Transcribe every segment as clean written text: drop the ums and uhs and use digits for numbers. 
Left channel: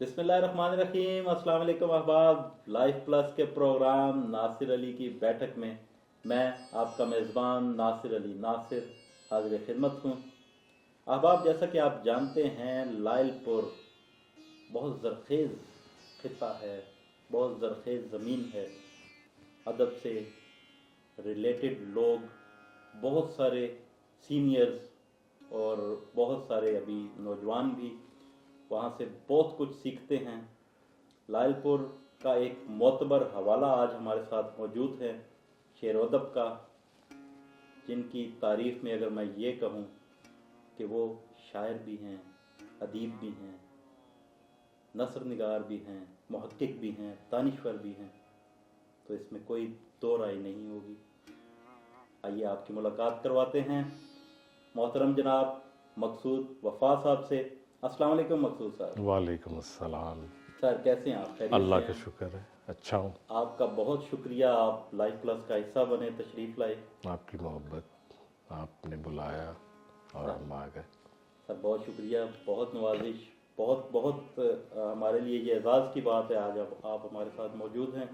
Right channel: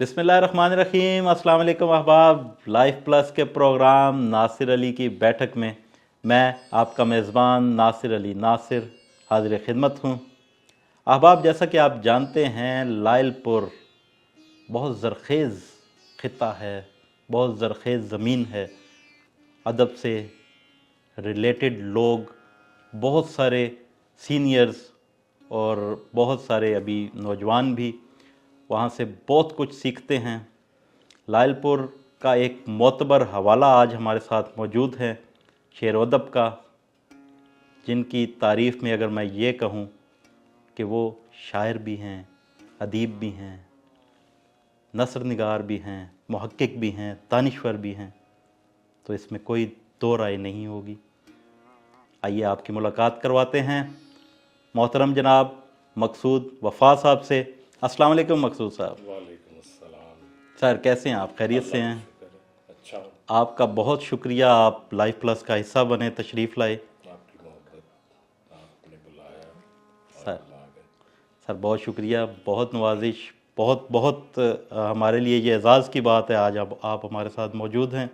بسم اللہ الرحمن الرحیم۔ السلام علیکم احباب، لائف پلس کے پروگرام ناصر علی کی بیٹھک میں میں آپ کا میزبان ناصر علی ناصر حاضر خدمت ہوں۔ احباب، جیسا کہ آپ جانتے ہیں لائل پور بہت زرخیز خطہ ہے، بہت زرخیز زمین ہے۔ ادب سے ریلیٹڈ لوگ، بہت سارے سینئرز اور بہت سارے ابھی نوجوان بھی وہاں سے بہت کچھ سیکھتے ہیں۔ لائل پور کا ایک معتبر حوالہ آج ہمارے ساتھ موجود ہے، شعر و ادب کا، جن کی تعریف میں اگر میں یہ کہوں کہ وہ شاعر بھی ہیں، ادیب بھی ہیں، نثر نگار بھی ہیں، محقق بھی ہیں، دانشور بھی ہیں، تو اس میں کوئی دو رائے نہیں ہوگی۔ آئیے آپ کی ملاقات کرواتے ہیں محترم جناب مقصود وفا صاحب سے۔ السلام علیکم مقصود صاحب۔ وعلیکم السلام۔ سر کیسے ہیں آپ؟ خیریت سے اللہ ہیں؟ کا شکر ہے، اچھا ہوں۔ آپ کا بہت شکریہ، آپ لائف پلس کا حصہ بنے، تشریف لائے۔ آپ کی محبت، آپ نے بلایا اور سر ہم آ گئے۔ سر بہت شکریہ، بہت نوازش، بہت بہت ہمارے لیے یہ اعزاز کی بات ہے آج آپ ہمارے ساتھ موجود ہیں۔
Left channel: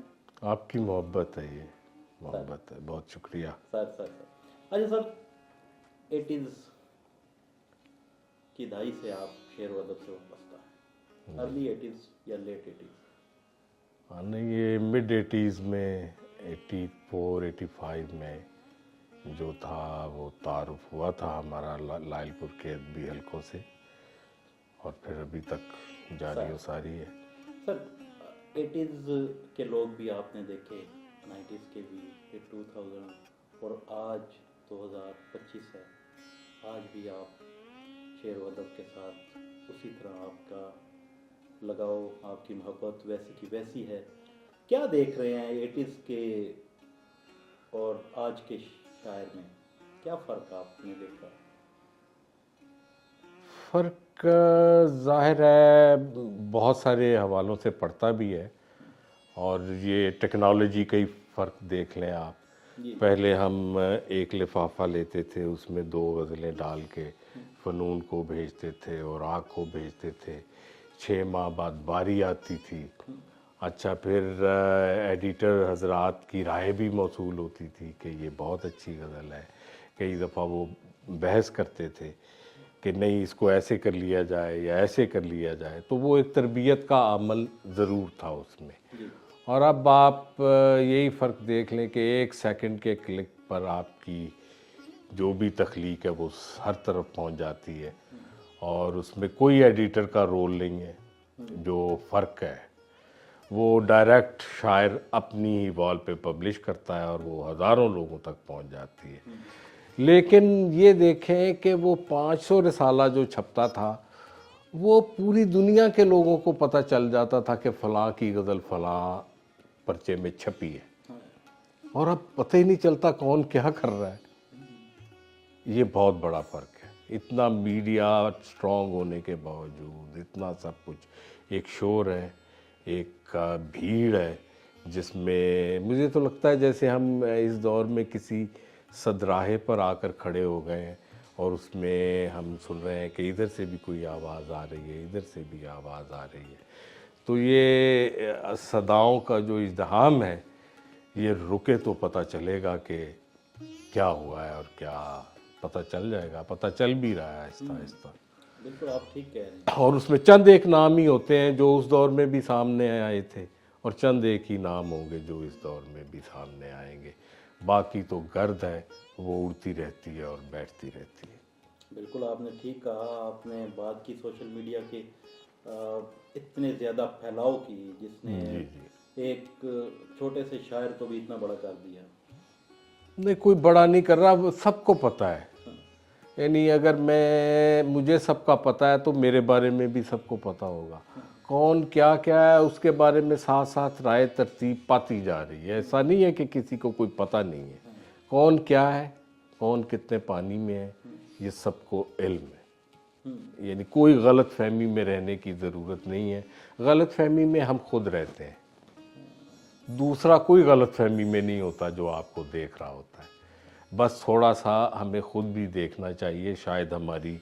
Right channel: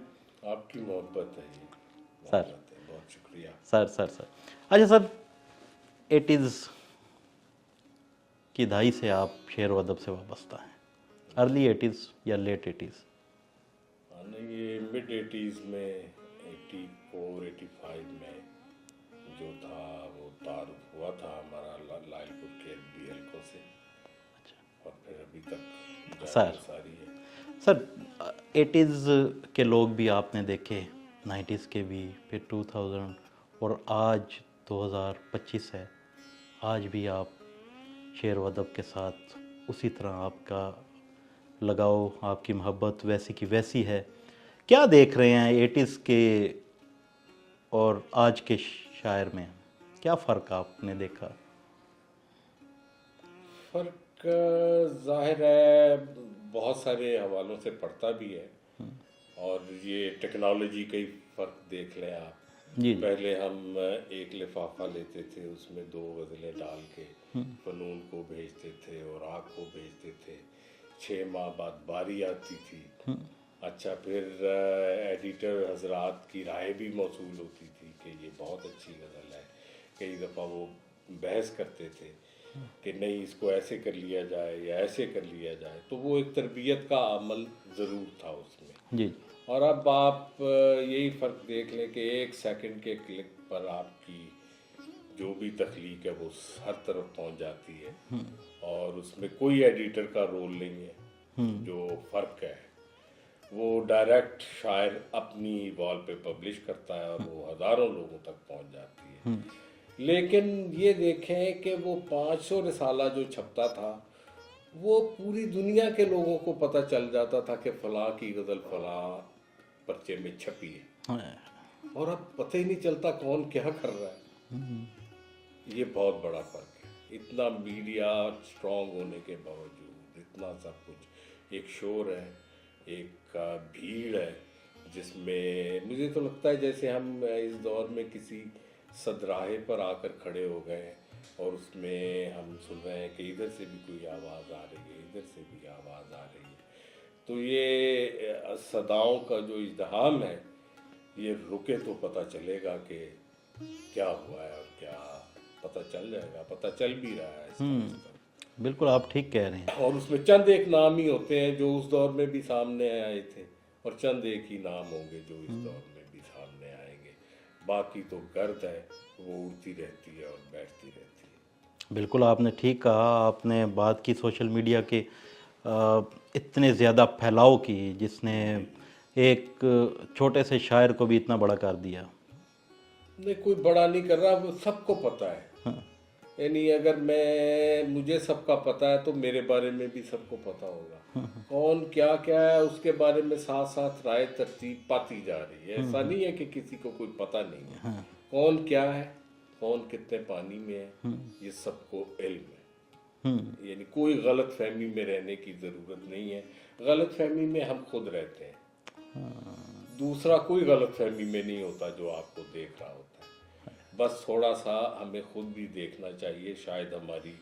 آپ کی محبت ہے، یہ محبت ہے، بہت شکریہ۔ سر اچھا سر، ایٹیز کی دہائی سے آپ شعر و ادب سے وابستہ ہیں، ارلی ایٹیز یا لیٹ ایٹیز؟ نہیں، یہ مڈ 80s میں 84 85 میں جو تھا وہ تعارف ہوا تھا ہمارا لائل پور کے ادبی حلقوں سے، اور پھر ابھی تک جاری و ساری ہے۔ سر ایٹیز کے لوگ بھی آپ نے دیکھے، 90s کے بھی، پھر 2000، اور آج 2025 ہے، آج بھی آپ شعر و ادب کے ساتھ اسی طرح آپ کا لگاؤ، آپ کی محبت ویسی کی ویسی ہے۔ کیا دیکھ رہے ہیں ایٹیز کے اور آج کے شاعر میں؟ کیا فرق آپ نے دیکھا؟ فرق ظاہر ہے بہت سارے حوالوں سے پڑتا بھی ہے، اور یہ ٹیکنالوجی کا ہی فرق دیکھ لیں آپ۔ جی پہلے ہم ایک لفافہ لیتے تھے، اس میں 2 غزلیں ڈال کے فنون کو بھیجتے تھے اور آنکھ کو بھیجتے تھے، 6 ماہ بعد باری آتی تھی۔ اچھا، پھر ایڈیٹر حضرات کی رائے بھی موصول ہوتی تھی کہ یہ بہت اچھی غزل ہے۔ کئی دفعہ وہ بحث کرتے تھے کہ نہیں، اس کو ایسے کر لیا جائے یا ایسے کر لیا جائے، تو وہ ایک تربیت کا عمل ضرور تھا اس میں۔ جی اور اب آپ یہی فرق دیکھ لیں کہ 1 سیکنڈ کے کلک پر آپ کی جو بھی تخلیق ہے وہ ہر طرف پہنچ جاتی ہے، اور اس میں کوئی ایڈیٹر کا رول نہیں ہے۔ جو فرق ہے وہ ڈائریکٹ شاعر اپنی ہی وال پہ پبلش کرتا ہے اور وہ ہزاروں لوگوں تک پہنچ جاتی ہے۔ لیکن یہ دیکھیں کہ وہ 500 رسالہ جو چھپتا تھا، وہ پوری دنیا کے لوگوں کو پتہ چل جاتا تھا کہ فلاں کی غزل فلاں پرچے میں چھپی ہے، اور اب پتہ ہی نہیں چلتا کون کیا کر رہا ہے۔ یہ بہت بڑا فرق ہے۔ اتنا میڈیا اسٹرانگ ہونے کے باوجود، اتنا سب کچھ، ایک شور ہے، ایک بھیڑ ہے، جس میں مجھے تو لگتا ہے جیسے ہم اس دور میں کسی صدراہے پر آ کر کھڑے ہو گئے ہیں، اور اس میں ہم سن رہے ہیں کہ ادھر سے بھی کوئی آواز آ رہی ہے، ادھر سے بھی آواز آ رہی ہے۔ تو یہ صداؤں کا جو ازدحام ہے، یہ رکے تو پتہ چلے گا کہ کیا ہوا ہے، اور کیا پتہ چل جائے گا، پتہ چل بھی رہا ہے آہستہ آہستہ۔ بالکل آپ ٹھیک کہہ رہے ہیں۔ اور اس میں چند ایک نام ہی ہوتے ہیں جو اس دور میں بھی سامنے آئے تھے، اور چند ایک ہی نام ہوں گے جو اس دور میں بھی سامنے آئیں گے۔ باقی تو گرد ہے، وہ اڑتی رہتی ہے اور بیٹھتی رہتی ہے۔ بالکل آپ نے ٹھیک کہا۔ آپ نے بات کی سوشل میڈیا کے اتنے زیادہ پھیلاؤ کی، جس نے ایک چھوٹے سے شاعر کو بھی اتنا بڑا کر دیا۔ نہیں، کوئی بڑا نہیں کر رہا، سب کو پتہ ہے۔ یعنی اگر مجھے سب کا پتہ ہے تو میرے بارے میں بھی سب کو پتہ ہوگا۔ کون کیا کیا ہے اس کے بارے میں ساتھ ساتھ رائے ترتیب پاتی جا رہی ہے۔ ایسا نہیں ہے کہ کسی کو کوئی پتہ نہیں ہے۔ کون کیا ہے، کون کتنے پانی میں ہے، یہ سب کو علم ہے۔ یعنی کوئی غلط فہمی میں رہنے کی ضرورت نہیں ہے۔ غلط فہمی میں ہم خود رہتے ہیں، دوسرا کوئی غلط فہمی میں نہیں ہوتا جو آپ کو دیکھ رہا ہوتا ہے۔ بس تھوڑا سا ہمیں خود بھی دیکھنا چاہیے، شاید ہماری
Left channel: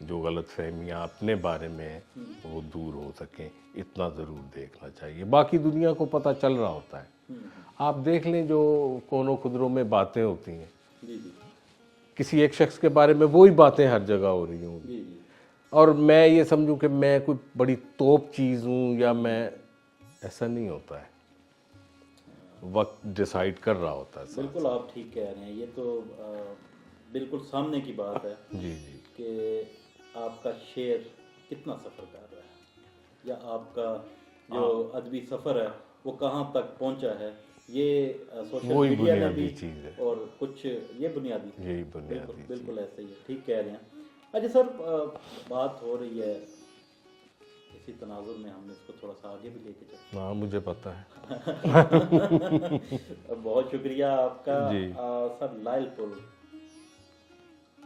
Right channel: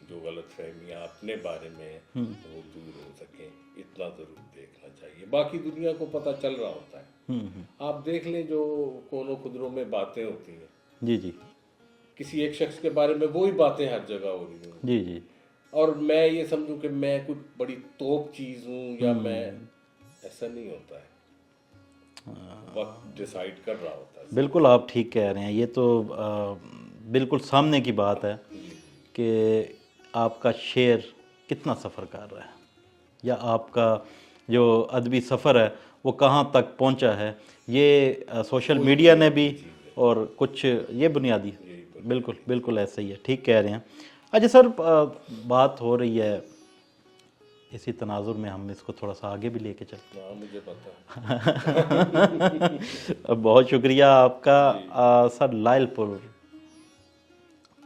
جو غلط فہمیاں اپنے بارے میں ہیں وہ دور ہو سکیں، اتنا ضرور دیکھنا چاہیے۔ باقی دنیا کو پتہ چل رہا ہوتا ہے، آپ دیکھ لیں جو کونوں خدروں میں باتیں ہوتی ہیں، جی جی کسی ایک شخص کے بارے میں وہی باتیں ہر جگہ ہو رہی ہوں، جی جی اور میں یہ سمجھوں کہ میں کوئی بڑی توپ چیز ہوں یا میں، ایسا نہیں ہوتا ہے، وقت ڈیسائیڈ کر رہا ہوتا ہے۔ بالکل آپ ٹھیک کہہ رہے ہیں، یہ تو بالکل سامنے کی بات ہے جی جی کہ آپ کا شعر کتنا سفر کر رہا ہے، یا آپ کا جو ادبی سفر ہے وہ کہاں تک پہنچا ہے، یہ سوشل وہی میڈیا نے بنیادی بھی، چیز ہے، اور کچھ یہ بنیادی، یہی بنیادی بالکل بالکل ایسا ہی ہے، ٹھیک کہہ رہے ہیں۔ اچھا سر، بات ہو رہی ہے اسی تناظر میں ہم اس کو تھوڑا سا آگے بھی لے کے چلتے ہاں مجھے پتہ ہے۔ ہیں۔ بہت شکریہ آپ کا سر۔ لائل پور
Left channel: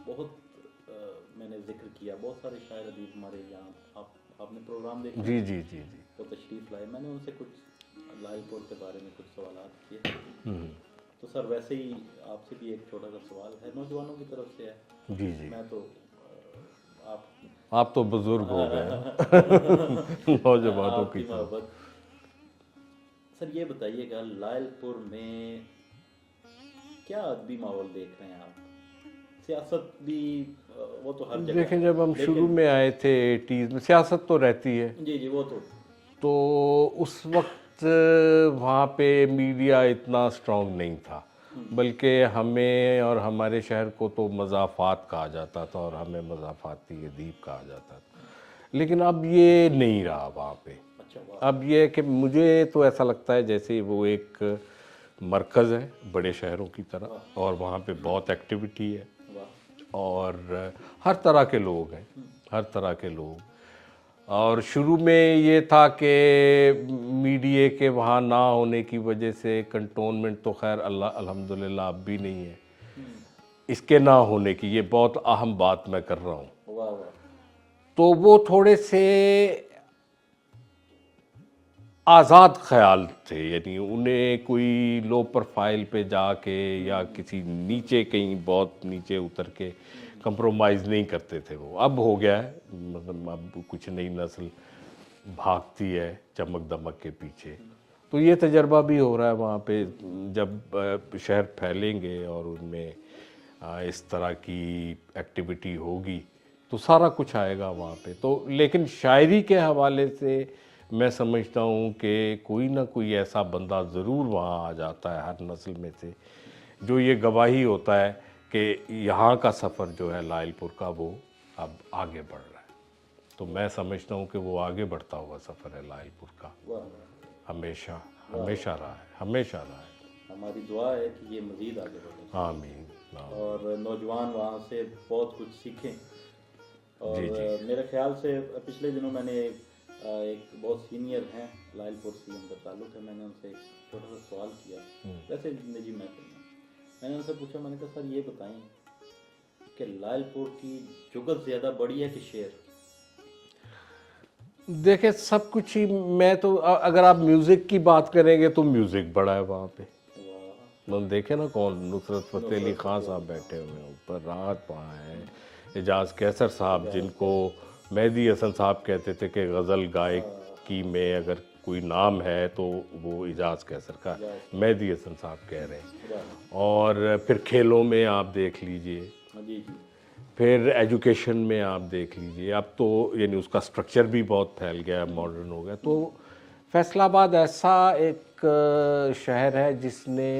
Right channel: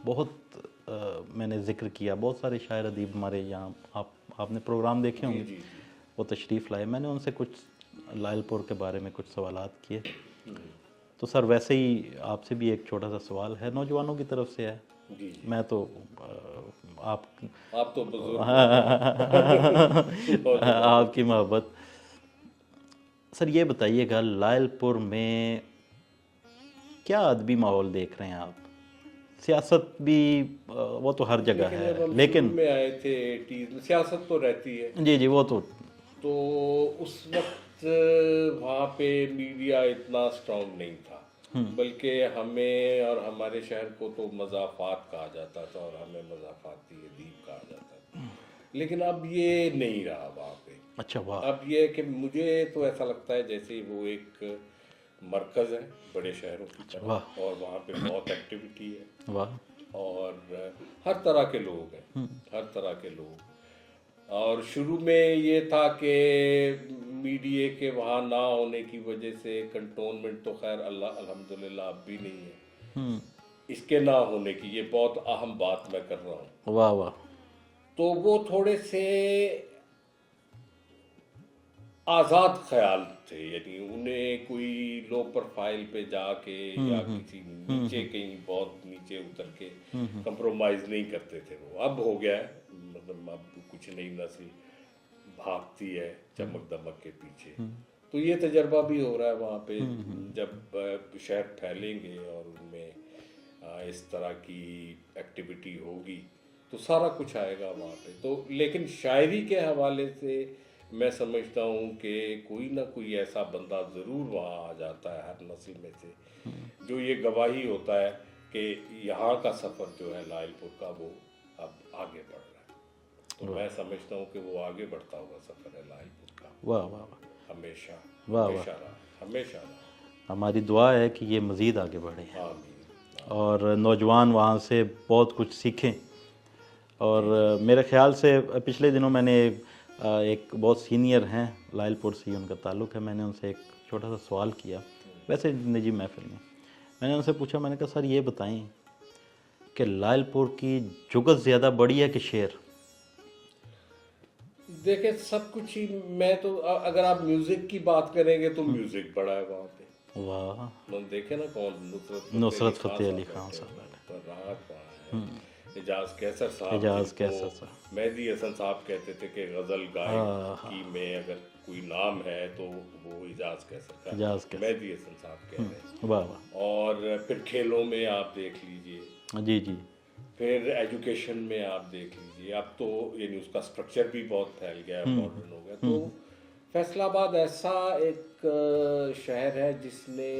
بہت میں نے ذکر کیا، بہت سارے شاعر ادیب ہمارے یہاں، آپ نے پروگرام دیکھے ہوں، جی جی جی وہ تشریف لائے، میں نے ان سے کچھ لائل پور کے بارے میں کچھ سوالات کیے، تو سر ویسے ہی آپ سے بھی ایک چھوٹا سا سوال ہے، نوجوانوں کی طرف سے ہے، جی جی، میں تو آپ تو بزرگ ہو گئے، آپ کی محبت۔ سر یہ بتائیے گا لائل پور میں کیا ادبی ماحول دیکھ رہے ہیں آپ؟ سیاست بھی وہ تو ہر جگہ دیکھیں ہے، جب ہم شروع لیکن میں آئے تھے 80s میں، سیاست تو رہتی ہے، جی جی وہ تو اس وقت وہاں پہ میڈیا اتنا اسٹرانگ نہیں تھا، بلکہ ہمیں اور ہمارے شہر کو تو مضافات کہا جاتا تھا، اور ہمیں مضافاتی ادیب کہا جاتا تھا، لیکن اب یہ نہیں رہا وہاں پہ۔ اچھا واہ، اب یہ ہے کہ مجھے تو ایسا لگتا ہے جیسے وہ ایک مرکز ہے بڑے شہروں کی طرح، اور وہاں پہ بہت ایکٹیویٹی ہے، واہ، اور ہر طرح کے لوگ ہیں، ہر طرح کے لوگ۔ اور شروع میں یہ تھا کہ میڈیا کے وہاں نہ ہونے کی وجہ سے کنٹونمنٹ تو خیر اللہ الحمدللہ اب بھی نہیں ہے، اس کے نہ ہونے کی، یہ بہت اہم بات میں کر رہا ہوں، واہ واہ، تو وہ تھوڑے سے آزاد خیال تھے، یعنی انہیں کوئی لو پروفائل پہ جا کے یا کسی نیچے کہیں بہت نیچے اتر کے کمپرومائز نہیں کرتے تھے وہ۔ اب ہو گیا ہے، مطلب اب کچھ نئی نسل بھاگتی ہے چمک دمک کے پیچھے، تو یہ تجربہ بھی ہو رہا ہے وہاں پہ، جب شہر پھیلیں گے اور ان میں اس طرح کی ایکٹیویٹی ہوگی تو سارا کچھ آئے گا وہاں پہ۔ تو لیکن شاعری کے حوالے سے میں سمجھتا ہوں کہ کوئی نہ کوئی ایسا بندہ ضرور وہاں آ جاتا ہے ہر نسل میں سے، جو یہ گواہی ہوتا ہے کہ یہاں کا سفر جو ہے لائل پور کا وہ اب آگے بڑھ رہا ہے۔ تو میں سمجھتا ہوں کہ وہ آگے بڑھتا ہوا سفر ہے لائل پور کا، واہ واہ، ہمیشہ ہمیشہ رہا ہے، ہمیشہ رہا ہے۔ ہماری دعا ہے کہ یہ مزید آگے بڑھے آمین۔ اور نوجوان وہاں سے بہت کچھ سیکھیں۔ اور میرے خیال سے پچھلے دنوں میں نے ایک بہت سینئر ہیں لائل پور سے ان کا تعلق ہے، میں نے ان سے ایک چھوٹا سا سوال کیا، ویسے نجی محفل میں نے ان سے پوچھا، میں نے کہا سر یہ بتائیں کہ لائل پور کی جگت زیادہ بڑی ہے کہ شعر؟ دیکھیں سب کچھ ہی، میں تو اگر آپ میوزک کی بات کریں گے تو میوزک بڑا ہے وہاں پہ، واہ، ہم دیکھیں نا کون، نصرت فتح علی خان صاحب علی خان بیٹھے ہوئے ہیں اوپر، راحت وہاں ہیں، اعجاز کیسر صاحب جن کو کیسر مہدی حسن صاحب کہتے تھے کہ غزل گائک کی میں اگر کوئی نام ہے تو وہ اعجاز کیسر کا، مہدی حسن صاحب کہہ رہے ہیں۔ واہ، اور پھر کھیلوں میں آپ دیکھ لیجئے، جی جی، پھر ایجوکیشن میں آپ دیکھ لیجئے، اب تو یعنی اس کا سٹرکچر بھی بہت پھیل گیا ہے، ماڈرن ہو گیا، تو فیصل آباد ایسا ایک شہر ہے جس نے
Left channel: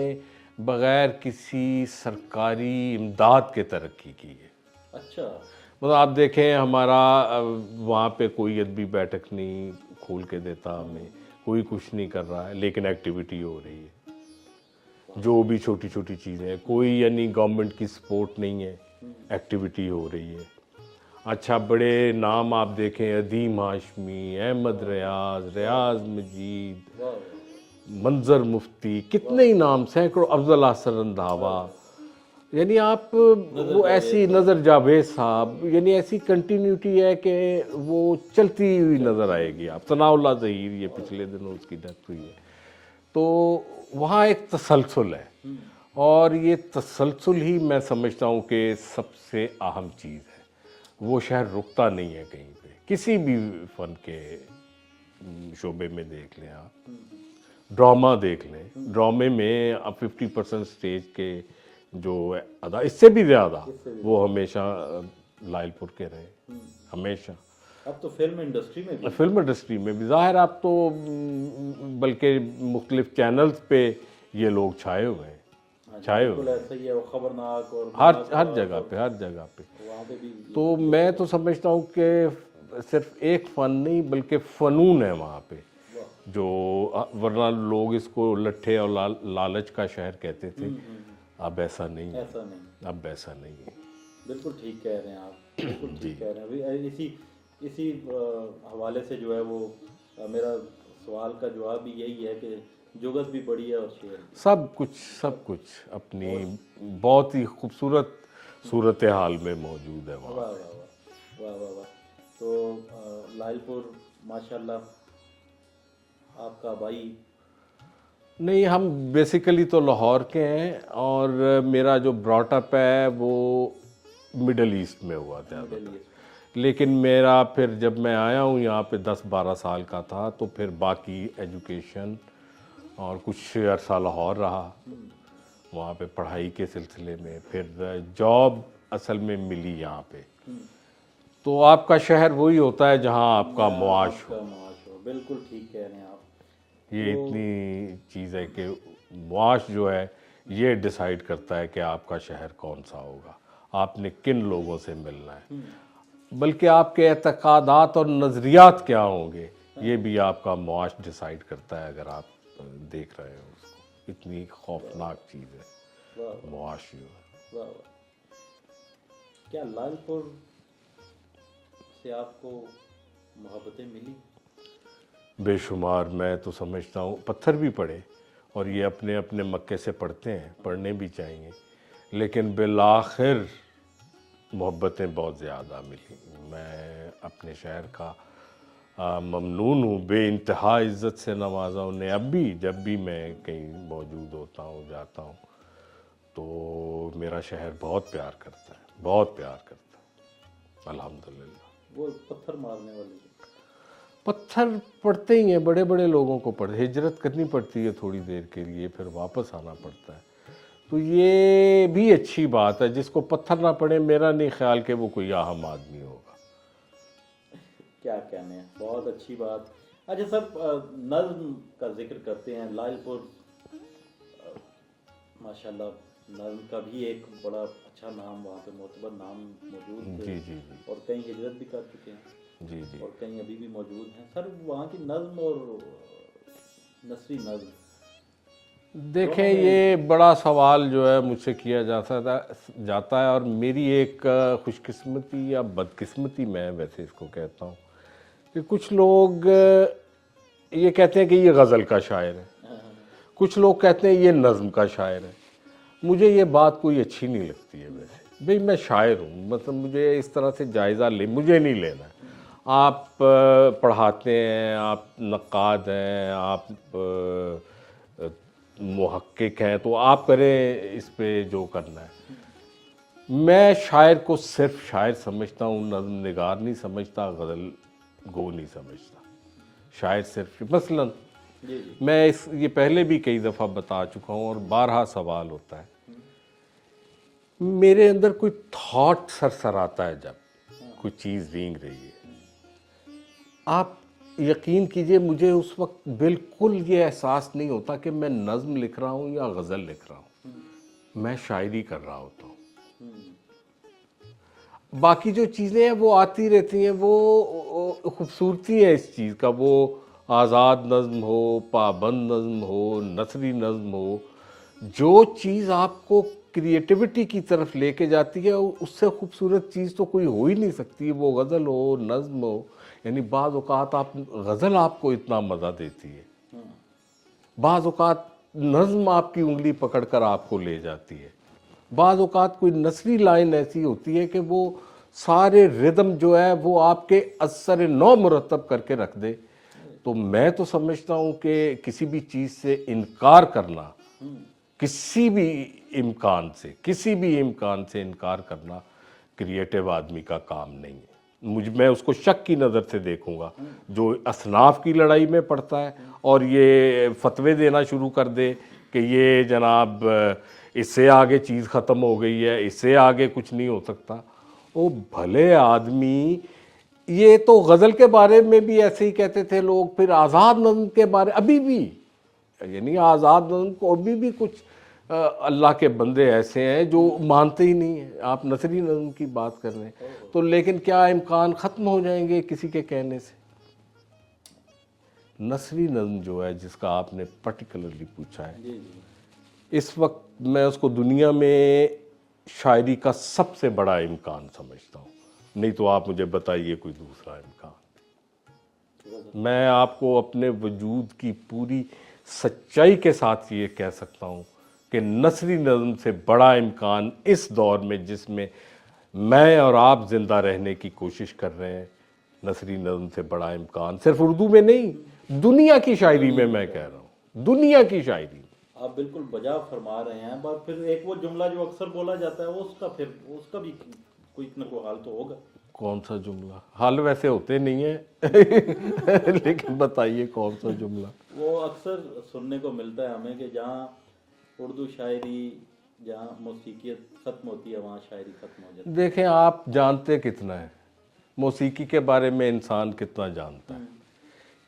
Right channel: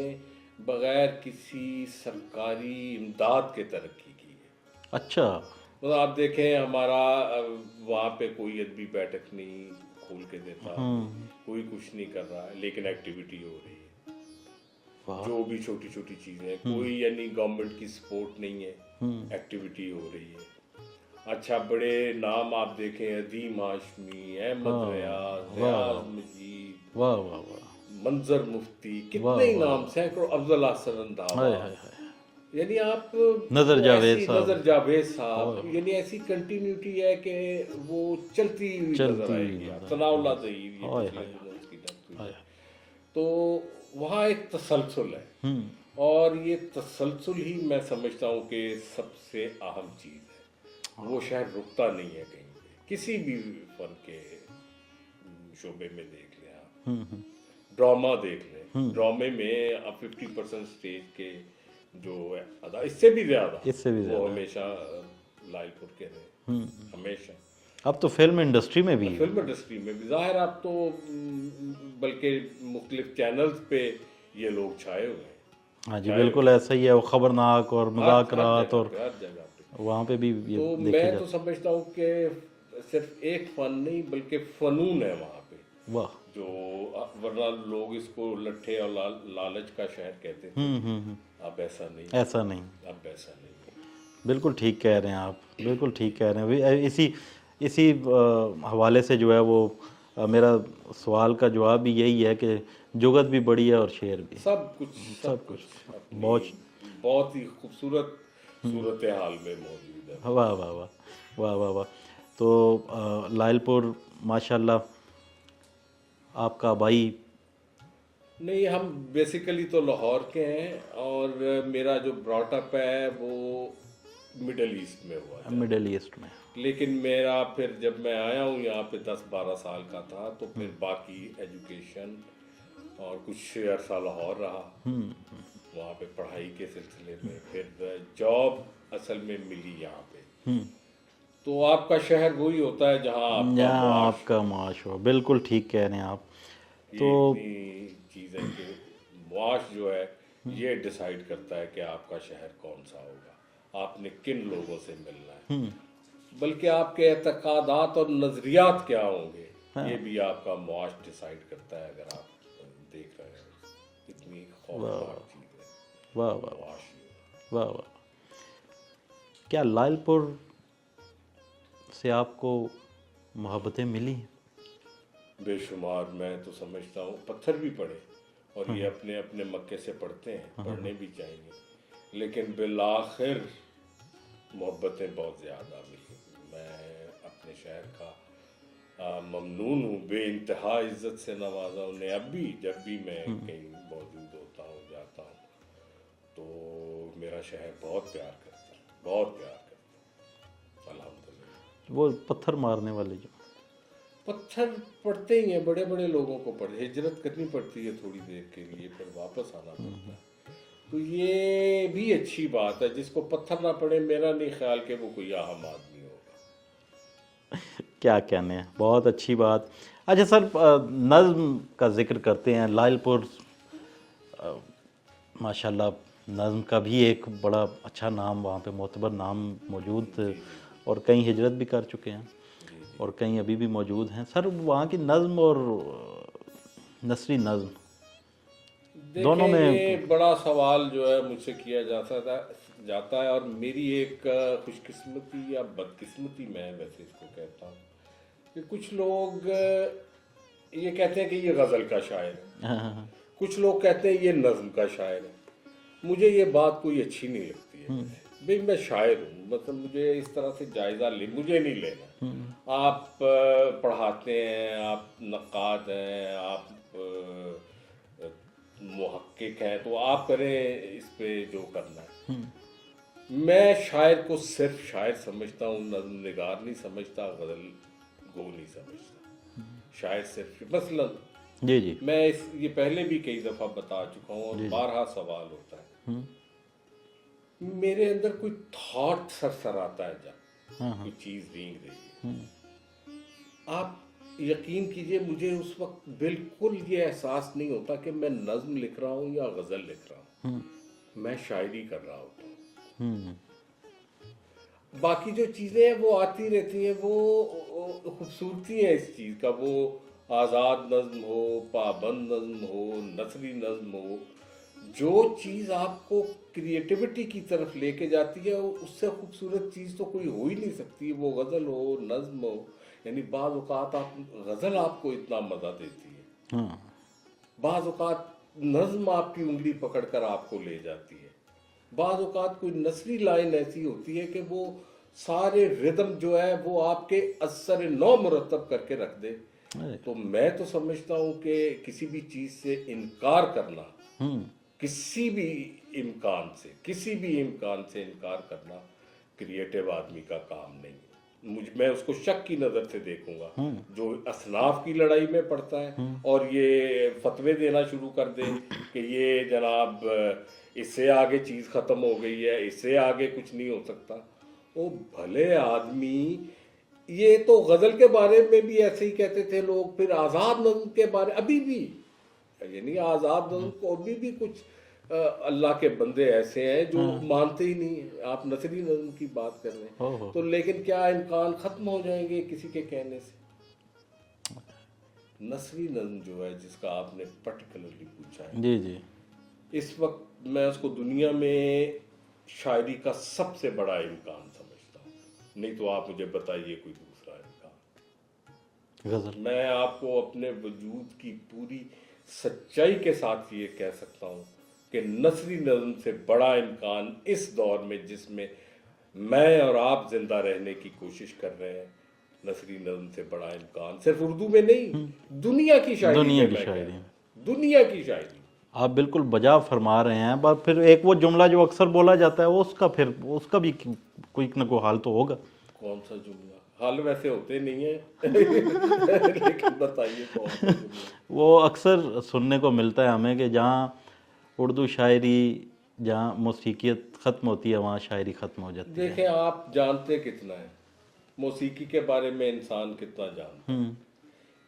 بغیر کسی سرکاری امداد کے ترقی کی ہے۔ اچھا، مطلب آپ دیکھیں ہمارا وہاں پہ کوئی ادبی بیٹھک نہیں کھول کے دیتا ہمیں، کوئی کچھ نہیں کر رہا ہے، لیکن ایکٹیویٹی ہو رہی ہے، جو بھی چھوٹی چھوٹی چیزیں، کوئی یعنی گورنمنٹ کی سپورٹ نہیں ہے، ایکٹیویٹی ہو رہی ہے۔ اچھا بڑے نام آپ دیکھیں، عدیم ہاشمی، احمد ریاض، ریاض مجید، واہ واہ واہ، منظر مفتی، کتنے ہی نام، سینکڑوں، افضل احسن رندھاوا، یعنی آپ وہ ایسی نظر جاوید صاحب، یعنی ایسی کنٹینیوٹی ہے کہ وہ چلتی ہوئی نظر آئے گی آپ۔ ثناء اللہ ظہیر، یہ پچھلے دنوں اس کی ڈیتھ ہوئی ہے، تو وہاں ایک تسلسل ہے، اور یہ تسلسل ہی میں سمجھتا ہوں کہ سب سے اہم چیز ہے۔ وہ شہر رکتا نہیں ہے کہیں پہ، کسی بھی فن کے شعبے میں دیکھ لیں آپ، ڈرامہ دیکھ لیں، ڈرامے میں اب 50% اسٹیج کے جو ادا، اس سے بھی زیادہ وہ ہمیشہ لائل پور کے رہے، ہمیشہ۔ اب تو فلم انڈسٹری میں بھی، فلم انڈسٹری میں بھی ظاہر، اب تو بلکہ مختلف چینلز پہ یہ لوگ چھائے ہوئے ہیں۔ ہاں جی بالکل ایسا ہی ہے، وہ خبرناک اور ہر مذاکرات اور ہر جگہ پہ وہاں پہ بھی تو میں تو سمجھتا ہوں کہ صرف ایک فن نہیں بلکہ فنون ہے وہاں پہ، واہ جو ورنہ لوگ اس کو لٹھے اور لالچ کا شہر کہتے تھے، اب ایسا نہیں، ایسا نہیں، اب ایسا نہیں ہے۔ بالکل ٹھیک کہہ رہے ہیں آپ، بالکل ٹھیک کہہ رہے ہیں۔ اسی حوالے سے جو ہے وہ میرا سوال کا جواب بھی یہی ہے کہ جگت بھی بڑی ہے اور شعر بھی، سب کچھ اپنی بہت ہی خوبصورت صورتحال میں موجود ہے۔ واہ واہ واہ واہ واہ واہ۔ تو لائل پور ماشاءاللہ آپ کا بھائی؟ نہیں، ہم بیسیکلی تو لاہور کے ہیں اور میرا جو براٹ اپ ہے وہ مڈل ایسٹ میں ہوا تھا، مڈل ایسٹ میں، لیکن میرا پھر جب میں آیا ہوں یہاں پہ 10-12 سال کا تھا تو پھر باقی ایجوکیشن اور کچھ عرصہ لاہور رہا، وہاں پہ پڑھائی کے سلسلے میں، پھر جاب اصل میں ملی یہاں پہ۔ تو آپ کا شہر وہی ہوتا ہے جہاں آپ کا معاش، آپ کا معاش ہو، بالکل ٹھیک کہہ رہے ہیں آپ۔ یہ اتنی چیز ہے کہ معاش جو ہے یہ ڈیسائیڈ کرتا ہے کہ آپ کا شہر کون سا ہوگا، آپ نے کن لوگوں سے ملنا ہے، بلکہ آپ کے اعتقادات اور نظریات کیا ہوں گے یہ بھی آپ کا معاش ڈیسائیڈ کرتا ہے، اگر آپ دیکھ رہے ہیں اس کو۔ اتنی خوفناک چیز ہے واہ واہ معاش جو ہے۔ واہ واہ۔ کیا لائل پور سے آپ کو محبتیں ملی؟ بے شمار، میں تو سمجھتا ہوں پتھر بھی پڑے، اور یہ اپنے اپنے مکے سے پڑھتے ہیں، پڑھنے بھی چاہیے، لیکن بالآخر محبتیں بہت زیادہ ملی۔ میں اپنے شہر کا ممنون ہوں، بے انتہا عزت سے نوازا انہیں۔ اب بھی جب بھی میں کہیں موجود ہوتا ہوں، جاتا ہوں، تو میرا شہر بہت پیار کرتا ہے، بہت پیار کرتا ہے، الحمدللہ۔ وہ پتھر مارنے والے جو پتھر پڑتے ہی ہیں، بڑے بڑے لوگوں کو ہجرت کرنی پڑتی ہے تھوڑی دیر کے لیے، پھر واپس آنا پڑتا ہے، تو یہ بھی اچھی بات ہے۔ جس کو پتھر نہ پڑے، میرا نہیں خیال کہ وہ کوئی اہم آدمی ہوگا۔ کیا کہنے ہیں، بہت اچھی بات۔ اچھا سر، نظم کا ذکر کرتے ہیں، لائل پور ماشاءاللہ نظم کا بھی ایک بڑا اچھا نام، وہاں پہ معتبر نام موجود، اور کئی ہجرت بھی کر چکے ہیں، اور کئی ابھی بھی موجود ہیں۔ سر وہاں کی نظم اور نثری نظم، دیکھیں یہ بڑا سوال جو ہے مجھ سے کیا جاتا ہے، اور میری ایک خوش قسمتی یا بدقسمتی میں ویسے اس کو کہتا ہوں کہ کچھ لوگ یہ کہتے ہیں کہ یہ غزل کا شاعر ہے، کچھ لوگ کہتے ہیں یہ نظم کا شاعر ہے۔ مجھے یہ بات کوئی اچھی نہیں لگتی ہے ویسے، بھئی میں شاعر ہوں، مطلب مجھے اس طرح سے جائزہ مجھے نہیں لینا۔ آپ پڑھاتے ہیں، آپ نقاد ہیں، آپ محقق ہیں، تو آپ کریں اس پہ جو کرنا ہے۔ میں شاعر کو صرف شاعر سمجھتا ہوں، نظم نگار نہیں سمجھتا، غزل گو نہیں سمجھتا۔ شاعر صرف مثلاً جی میں یہ پہلے بھی کئی دفعہ بتا چکا ہوں، اور بارہا سوال ہوتا ہے، میرے اندر کوئی تھاٹ سر آتا ہے، جب کوئی چیز رینگ رہی ہے، آپ یقین کیجئے مجھے اس وقت بالکل یہ احساس نہیں ہوتا کہ میں نظم لکھ رہا ہوں یا غزل لکھ رہا ہوں، میں شاعری کر رہا ہوتا ہوں۔ باقی جو چیزیں ہیں وہ آتی رہتی ہیں، وہ خوبصورتی ہے اس چیز کا، وہ آزاد نظم ہو، پابند نظم ہو، نثری نظم ہو، جو چیز آپ کو کریٹیوٹی کی طرف لے کے جاتی ہے، اس سے خوبصورت چیز تو کوئی ہو ہی نہیں سکتی، وہ غزل ہو، نظم ہو۔ یعنی بعض اوقات غزل آپ کو اتنا مزہ دیتی ہے، بعض اوقات نظم آپ کی انگلی پکڑ کر آپ کو لے جاتی ہے، بعض اوقات کوئی نثری لائن ایسی ہوتی ہے کہ وہ سارے ردم جو ہے وہ آپ کے اثر نو مرتب کر کے رکھ دے۔ تو میں تو سمجھتا ہوں کہ کسی بھی چیز سے انکار کرنا، کسی بھی امکان سے انکار کرنا کریٹو آدمی کا کام نہیں ہے. میں اس کو شک کی نظر سے دیکھوں گا جو اصناف کی لڑائی میں پڑتا ہے اور یہ فتوے دینا شروع کر دے کہ یہ جناب اس سے آگے چیز ختم ہو گئی ہے, اس سے آگے کچھ نہیں ہو سکتا. وہ بھلے آدمی, یہ تو غزل کے بارے میں بھی ایسے ہی کہتے تھے لوگ, پھر آزاد نظم کے بارے ابھی بھی, یعنی آزاد نظم کو ابھی بھی کچھ اللہ کے بندے ایسے ہیں جو مانتے ہی نہیں ہیں. آپ نثری نظم کی بات کر رہے ہیں تو لیکن کیا امکان ختم ہو جائیں گے کسی کے کہنے سے؟ نثری نظم جو ہے جس کا آپ نے پرٹیکولرلی پوچھا ہے, جی جی, اس وقت میں اس کو دنیا میں شاعری کا سب سے بڑا امکان سمجھتا ہوں. نہیں تو آپ مجھے بتائیے کوئی دوسرا امکان. غزل. میں میں آپ کو اپنے وجود کی پوری سچائی کے ساتھ یہ کہہ سکتا ہوں کہ نثری نظم سے بڑا امکان اس دور میں جس میں میں اور آپ زندہ رہنے کی کوشش کر رہے ہیں, نثری نظم سے بڑا امکان صرف اردو میں نہیں, دنیا کی شاعری میں کہہ رہا ہوں, دنیا کی شاعری. آپ بالکل بجا فرما رہے ہیں. بس پھر ایک وہ جملہ جو اکثر بولا جاتا ہے اس کا بھی کوئی نہ کوئی حال تو ہوگا. کون سا جملہ؟ حال ویسے ہوتے نہیں ہیں لیکن بتائیے کون سا جملہ. وہ اکثر سننے کو ملتا ہے ہمیں کہ جہاں اردو شاعری, جہاں موسیقیت ختم ہوتی ہے وہاں شاعری ختم ہو جاتی ہے. دیکھیں آپ جانتے کتنا ہے موسیقی کے بارے میں, انسان کتنا جانتا ہے.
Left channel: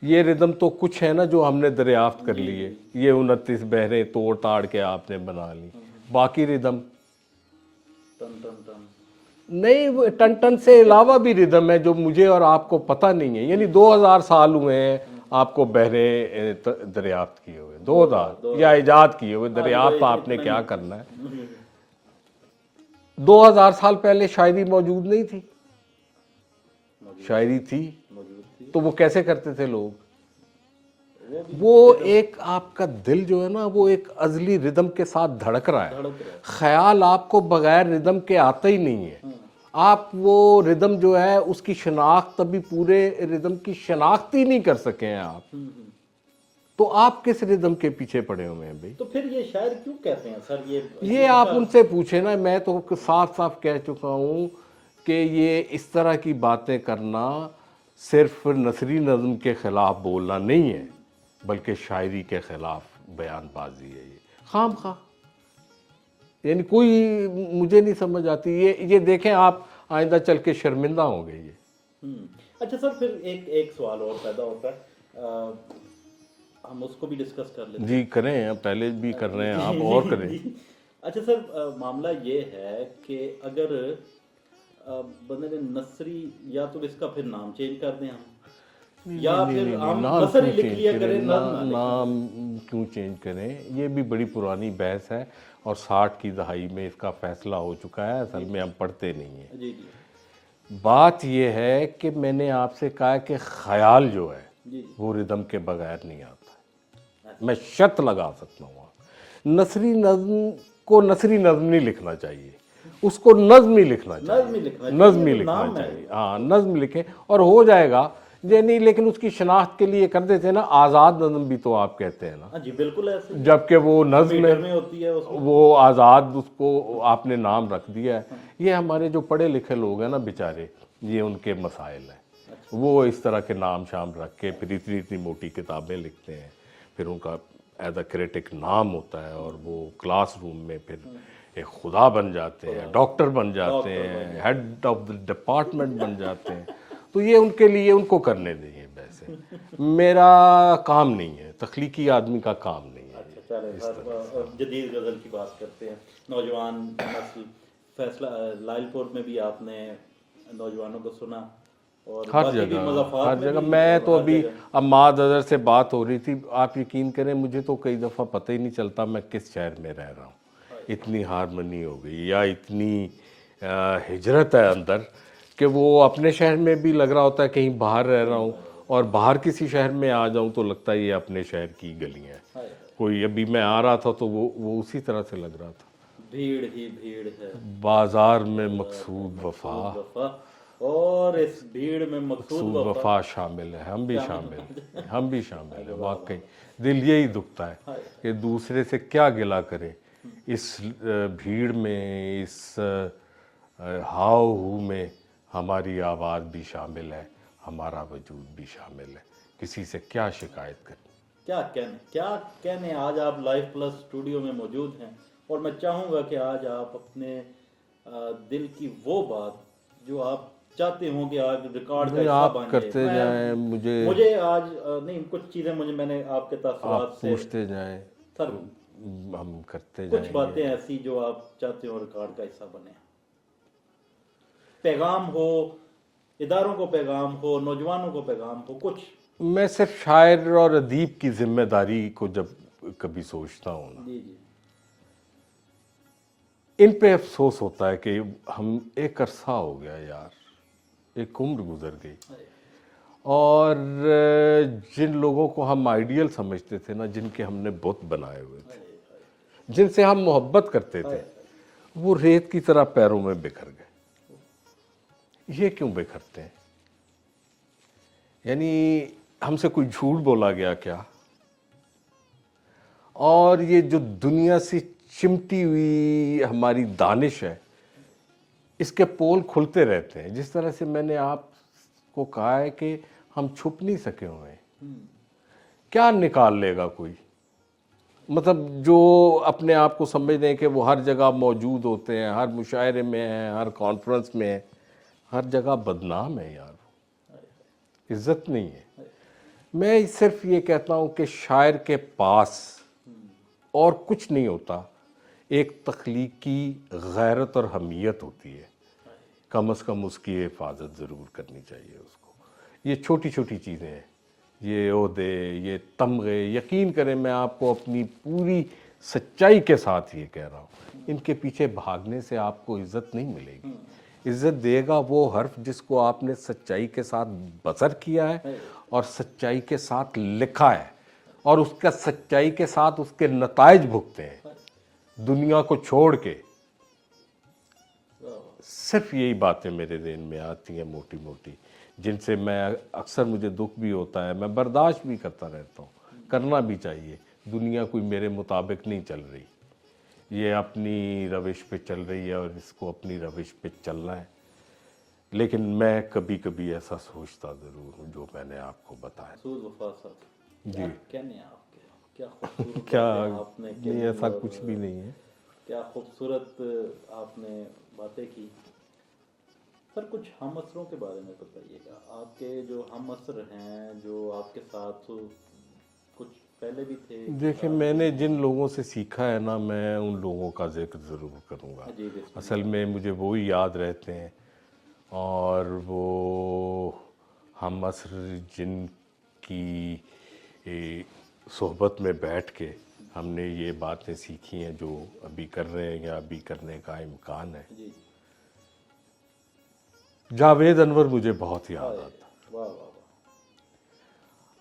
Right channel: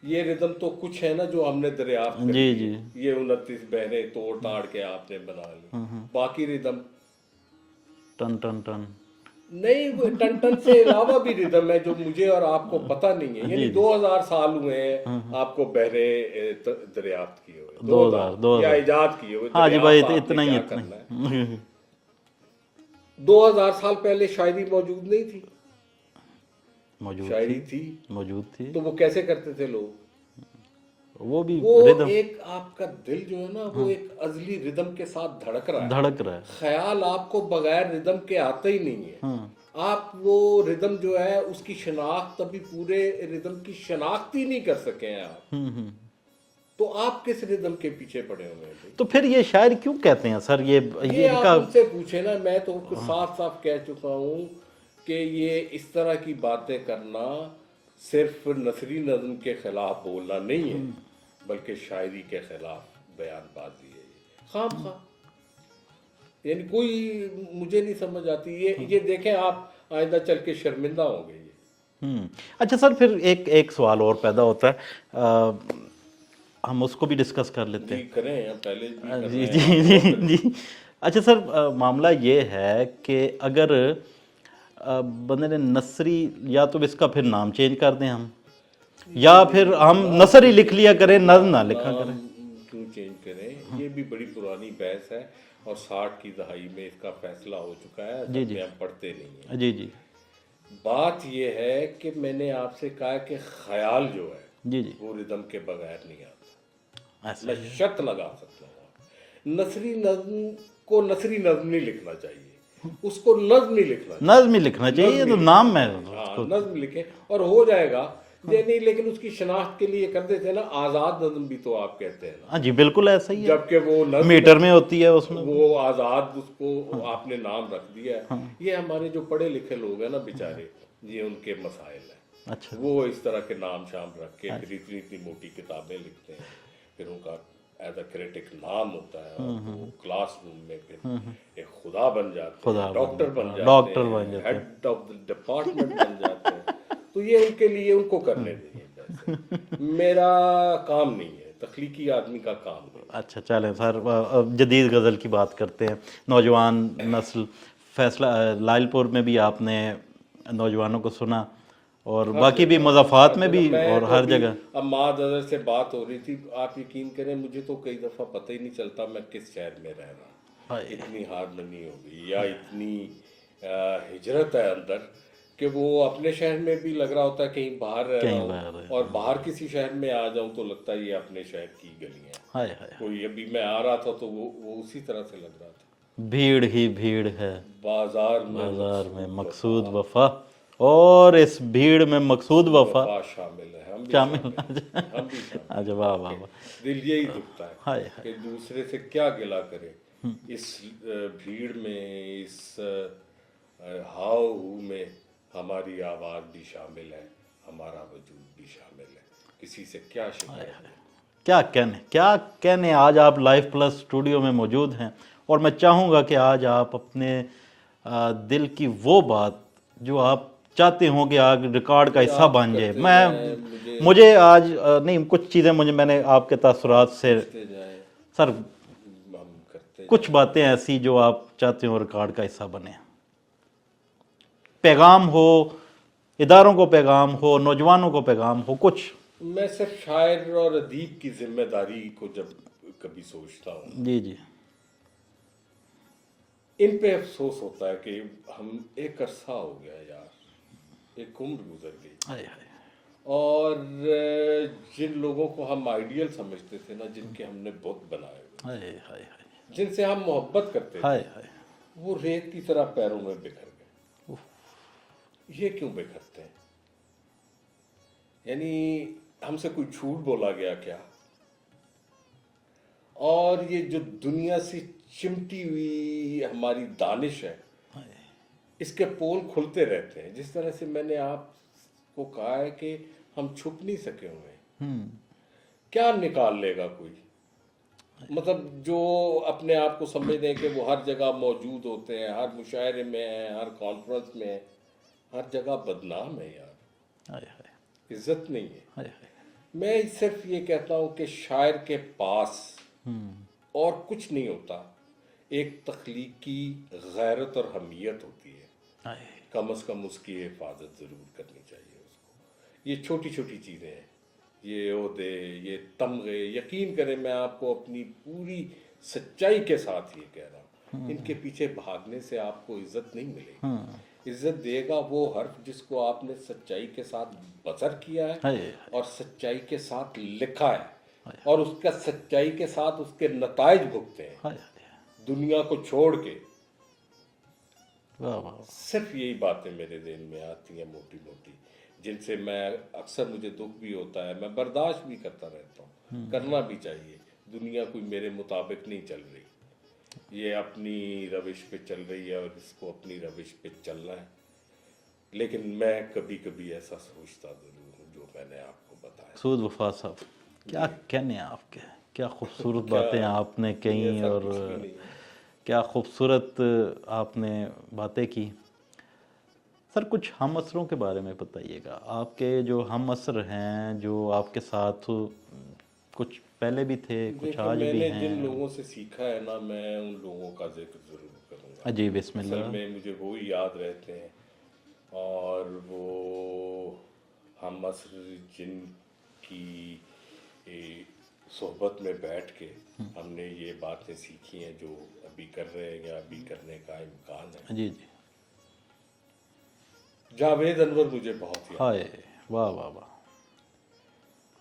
یہ ردم تو کچھ ہے نا جو ہم نے دریافت کر لی, یہ 29 بحریں توڑ تاڑ کے آپ نے بنا لی. باقی ردم ٹن ٹن ٹن نہیں, ٹن ٹن سے علاوہ بھی ردم ہے جو مجھے اور آپ کو پتہ نہیں ہے. یعنی 2000 سال ہوئے ہیں آپ کو بحریں دریافت کیے ہوئے, 2000 یا ایجاد کیے ہوئے. دریافت آپ نے کیا کرنا ہے. 2000 سال پہلے شاعری موجود نہیں تھی, شاعری تھی, موجود تھی. تو وہ کیسے کرتے تھے لوگ؟ وہ ایک آپ کا دل جو ہے نا وہ ایک ازلی ردم کے ساتھ دھڑک رہا ہے. خیال آپ کو بغیر ردم کے آتا ہی نہیں ہے. آپ وہ ردم جو ہے اس کی شناخت ابھی پورے ردم کی شناخت ہی نہیں کر سکے ہیں آپ, تو آپ کس ردم کے پیچھے پڑے ہوئے ہیں بھائی؟ تو پھر یہ شاعر کیوں کہتے ہیں سر؟ یہ آپ ان سے پوچھیں نا. میں تو صاف صاف کہہ چکا ہوں کہ یہ اس طرح کی باتیں کرنا صرف نثری نظم کے خلاف بولنا نہیں ہے بلکہ شاعری کے خلاف بیان بازی ہے. یہ خام خواہ, یعنی کوئی مجھے نہیں سمجھ آتی. یہ دیکھیں آپ آئندہ چل کے شرمندہ ہوں گے. یہ اچھا سر, پھر ایک سوال اور پیدا ہوتا ہے, ہم اس کو بھی ڈسکس کر لیتے ہیں. جی کریں, پہلے بھی کر رہے ہیں. جی اچھا سر, معاملہ یہ ہے کہ اگر بندے نے نثری, یا تو اس کا پھر نام چینج کر دیں ہم, یا پھر ہم نثر ہی لکھ لیا کریں, نظم نہ لکھا کریں. کیوں چینج کریں؟ یہ بھی بڑی پرانی بحث ہے اور 60 کی دہائی میں اس کا فیصلہ ہو چکا ہے. اصل میں ہم پڑھتے نہیں ہیں. جی جی, بات یہ ہے کہ میں نے آپ سے کہا کہ خیال جو ہے جی جی, وہ ردم کے بغیر نہیں آتا. میں شرط لگا سکتا ہوں. نثری نظم کو نثری نظم نہیں لکھنا چاہیے, اس کو نظم ہی لکھنا چاہیے. نظم ہی لکھنا چاہیے, تو نام ہے. ہاں نظم لکھیں اور ہو جائے گا. یعنی لیکن اس کی شناخت کے لیے کر دیتے نا آزاد نظم بھی تو آپ کہتے ہیں نا. ہاں جی بالکل ایسا ہی, جبکہ وہ نظم میٹر میں ہوتی ہے, اس میں وہ آزاد, اس کو آپ نے نام رکھ دیا ہے. یہ ہمارے جو پڑھے لکھے لوگ ہیں نا بیچارے, یہ ان کے مسائل ہیں. اچھا, وہ اس طرح کے نام شام رکھ کے پھر اتنی موٹی کتابیں لکھتے ہیں. پھر ان کا ایز اے کریٹک نام ہوتا ہے اور وہ کلاس روم میں پھر ایک خدا بن جاتے ہیں, ڈاکٹر بن جاتے ہیں, ہیڈ آف دا ڈپارٹمنٹ بن جاتے ہیں. تو یہ ان کے لیے ان کو کرنے دیں. ویسے میرا کام نہیں ہے, تخلیقی آدمی کا کام نہیں. اچھا چلیں سر, جدید غزل کی بات کرتے ہیں. نوجوان نسل, فیصلہ لائل پور میں بھی آپ نے نوجوانوں کو سنا, اور باقی بھی مضافات میں بھی, اور ہر جگہ. اب معاذ اظہر سے بات ہو رہی تھی, آپ یقین کریں مجھے تو کئی دفعہ پتہ ہی نہیں چلتا میں کس شہر میں رہ رہا ہوں. اتنی ہارمنی ہو گئی یا اتنی ہجرت ہے اندر کہ وہ اپنے شہر میں بھی لگ رہا ہوتا ہے کہیں باہر رہ رہا ہوں, اور باہر کسی شہر میں آ جاؤں تو لگتا ہے یہ اپنے شہر کی گلیاں ہیں. کوئی ابھی میں آ رہا تھا تو وہ اسی طرح سے لگ رہا تھا. بھیڑ ہی بھیڑ ہے بازار میں مقصود وفا, اور اس بھیڑ میں مقصود وفا شامل ہے. ہم بھی شامل ہیں. دل یہی دکھتا ہے کہ دوسرے سے کیا گلہ کرے اس بھیڑ میں, اس ہاؤ ہو میں ہماری آواز بھی شامل ہے، ہمارا وجود بھی شامل ہے، کسی سے کیا شکایت کریں؟ کیا کہنے آج آپ لائف پلس اسٹوڈیو میں موجود ہیں، اور میں چاہوں گا کہ آج آپ اپنے دل کی وہ بات جو آپ چاہتے ہوں کہ آج ریکارڈ کا حصہ آپ بن جائے، کرتے جائیں، مجھے آج نہیں کچھ چیزیں میں نے آپ کے تاثرات سے پوچھتے جائیں، سر ہم کرتے کچھ جائیں باتیں ایسی جو آپ چاہتے ہو ریکارڈ کا حصہ بنے، پیغام ہو، اداروں کو پیغام ہو، نوجوانوں کو پیغام ہو، کچھ. میں صرف شاعر اور ادیب کی ذمہ داری کو جب کبھی سوچتا ہوں، جی جی ان پہ افسوس ہوتا ہے کہ ہم ایک عرصہ ہو گیا یار، ایک عمر گزر گئی، ہائے ہائے اور جن لوگوں کو ہم آئیڈیل سمجھتے تھے نا، جن کے ہم نے بت بنائے ہوئے، ہائے ہائے جن سے ہم محبت کرتے تھے، ہائے ہائے وہ ریت کی طرح پیروں میں بکھر گئے۔ یہ کیوں بکھرتے ہیں؟ یعنی ہم سے کوئی جھوٹ بولا گیا کیا؟ اور یہ جو دنیا سے چمٹی ہوئی ہماری دانش ہے، اس کے پول کھلتے رہتے ہیں۔ جس طرح سے میں نے آپ کو کہا ہے کہ ہم چھپ نہیں سکے ہوئے ہیں، کیا نکال لے گا کوئی؟ مطلب جو اپنے آپ کو سمجھتے ہیں کہ وہ ہر جگہ موجود ہوتے ہیں، ہر مشاعرے میں ہیں، ہر کانفرنس میں ہیں، ہر جگہ بدنام ہے یار، ہائے ہائے عزت نہیں ہے۔ ہائے میں صرف یہ کہتا ہوں کہ شاعر کے پاس اور کچھ نہیں ہوتا، ایک تخلیقی غیرت اور حمیت ہوتی ہے، ہائے کم از کم اس کی حفاظت ضرور کرنی چاہیے اس کو۔ یہ چھوٹی چھوٹی چیزیں ہیں، یہ عہدے، یہ تمغے، یقین کریں میں آپ کو اپنی پوری سچائی کے ساتھ یہ کہہ رہا ہوں، ان کے پیچھے بھاگنے سے آپ کو عزت نہیں ملے گی۔ عزت دے گا وہ حرف جس کو آپ نے سچائی کے ساتھ بسر کیا ہے اور سچائی کے ساتھ لکھا ہے، اور اس کا سچائی کے ساتھ اس کے نتائج بھگتے ہیں دنیا کو چھوڑ کے۔ واہ واہ صرف یہی باتیں میرے ذہن میں آتی ہیں موٹی موٹی، جن سے میں اکثر مجھے دکھ بھی ہوتا ہے، میں برداشت بھی کرتا رہتا ہوں، کرنا بھی چاہیے۔ دنیا کوئی میرے مطابق نہیں چل رہی، یہ اپنی روش پہ چل رہی ہے اور اس کو اپنی روش پہ چلنا ہے، لیکن میں کبھی کبھی ایسا سوچتا ضرور ہوں جو میں نے آپ کو بتایا۔ سود وفا صاحب، کیا کہنے آپ کے، کیا خوبصورت باتیں آپ نے کہیں، ایسا اور کچھ بھی نہیں ہے۔ کیا خوبصورت آپ نے باتیں کی۔ سر کچھ ہم عصروں کے بارے میں بتائیے گا، آپ کے جو ہم عصر ہیں، جو آپ کے ساتھ کچھ پہلے بھی تھے، کچھ دیکھیں آج میں بھی نے ہیں۔ جن لوگوں سے سیکھا ہے نا، میں ان لوگوں کا ذکر ضرور کروں گا۔ جی بسم اصل اللہ۔ میں مجھے وہی یاد رہتے ہیں، اور وہ ہم عصر جن کی صحبت میں بیٹھ کے ہم نے یہ باتیں سیکھی ہیں جو ابھی کر رہے ہیں یا ابھی کرنے کا امکان ہے۔ جی جی جاوید انور مجھے بہت یاد ہائے واہ واہ واہ،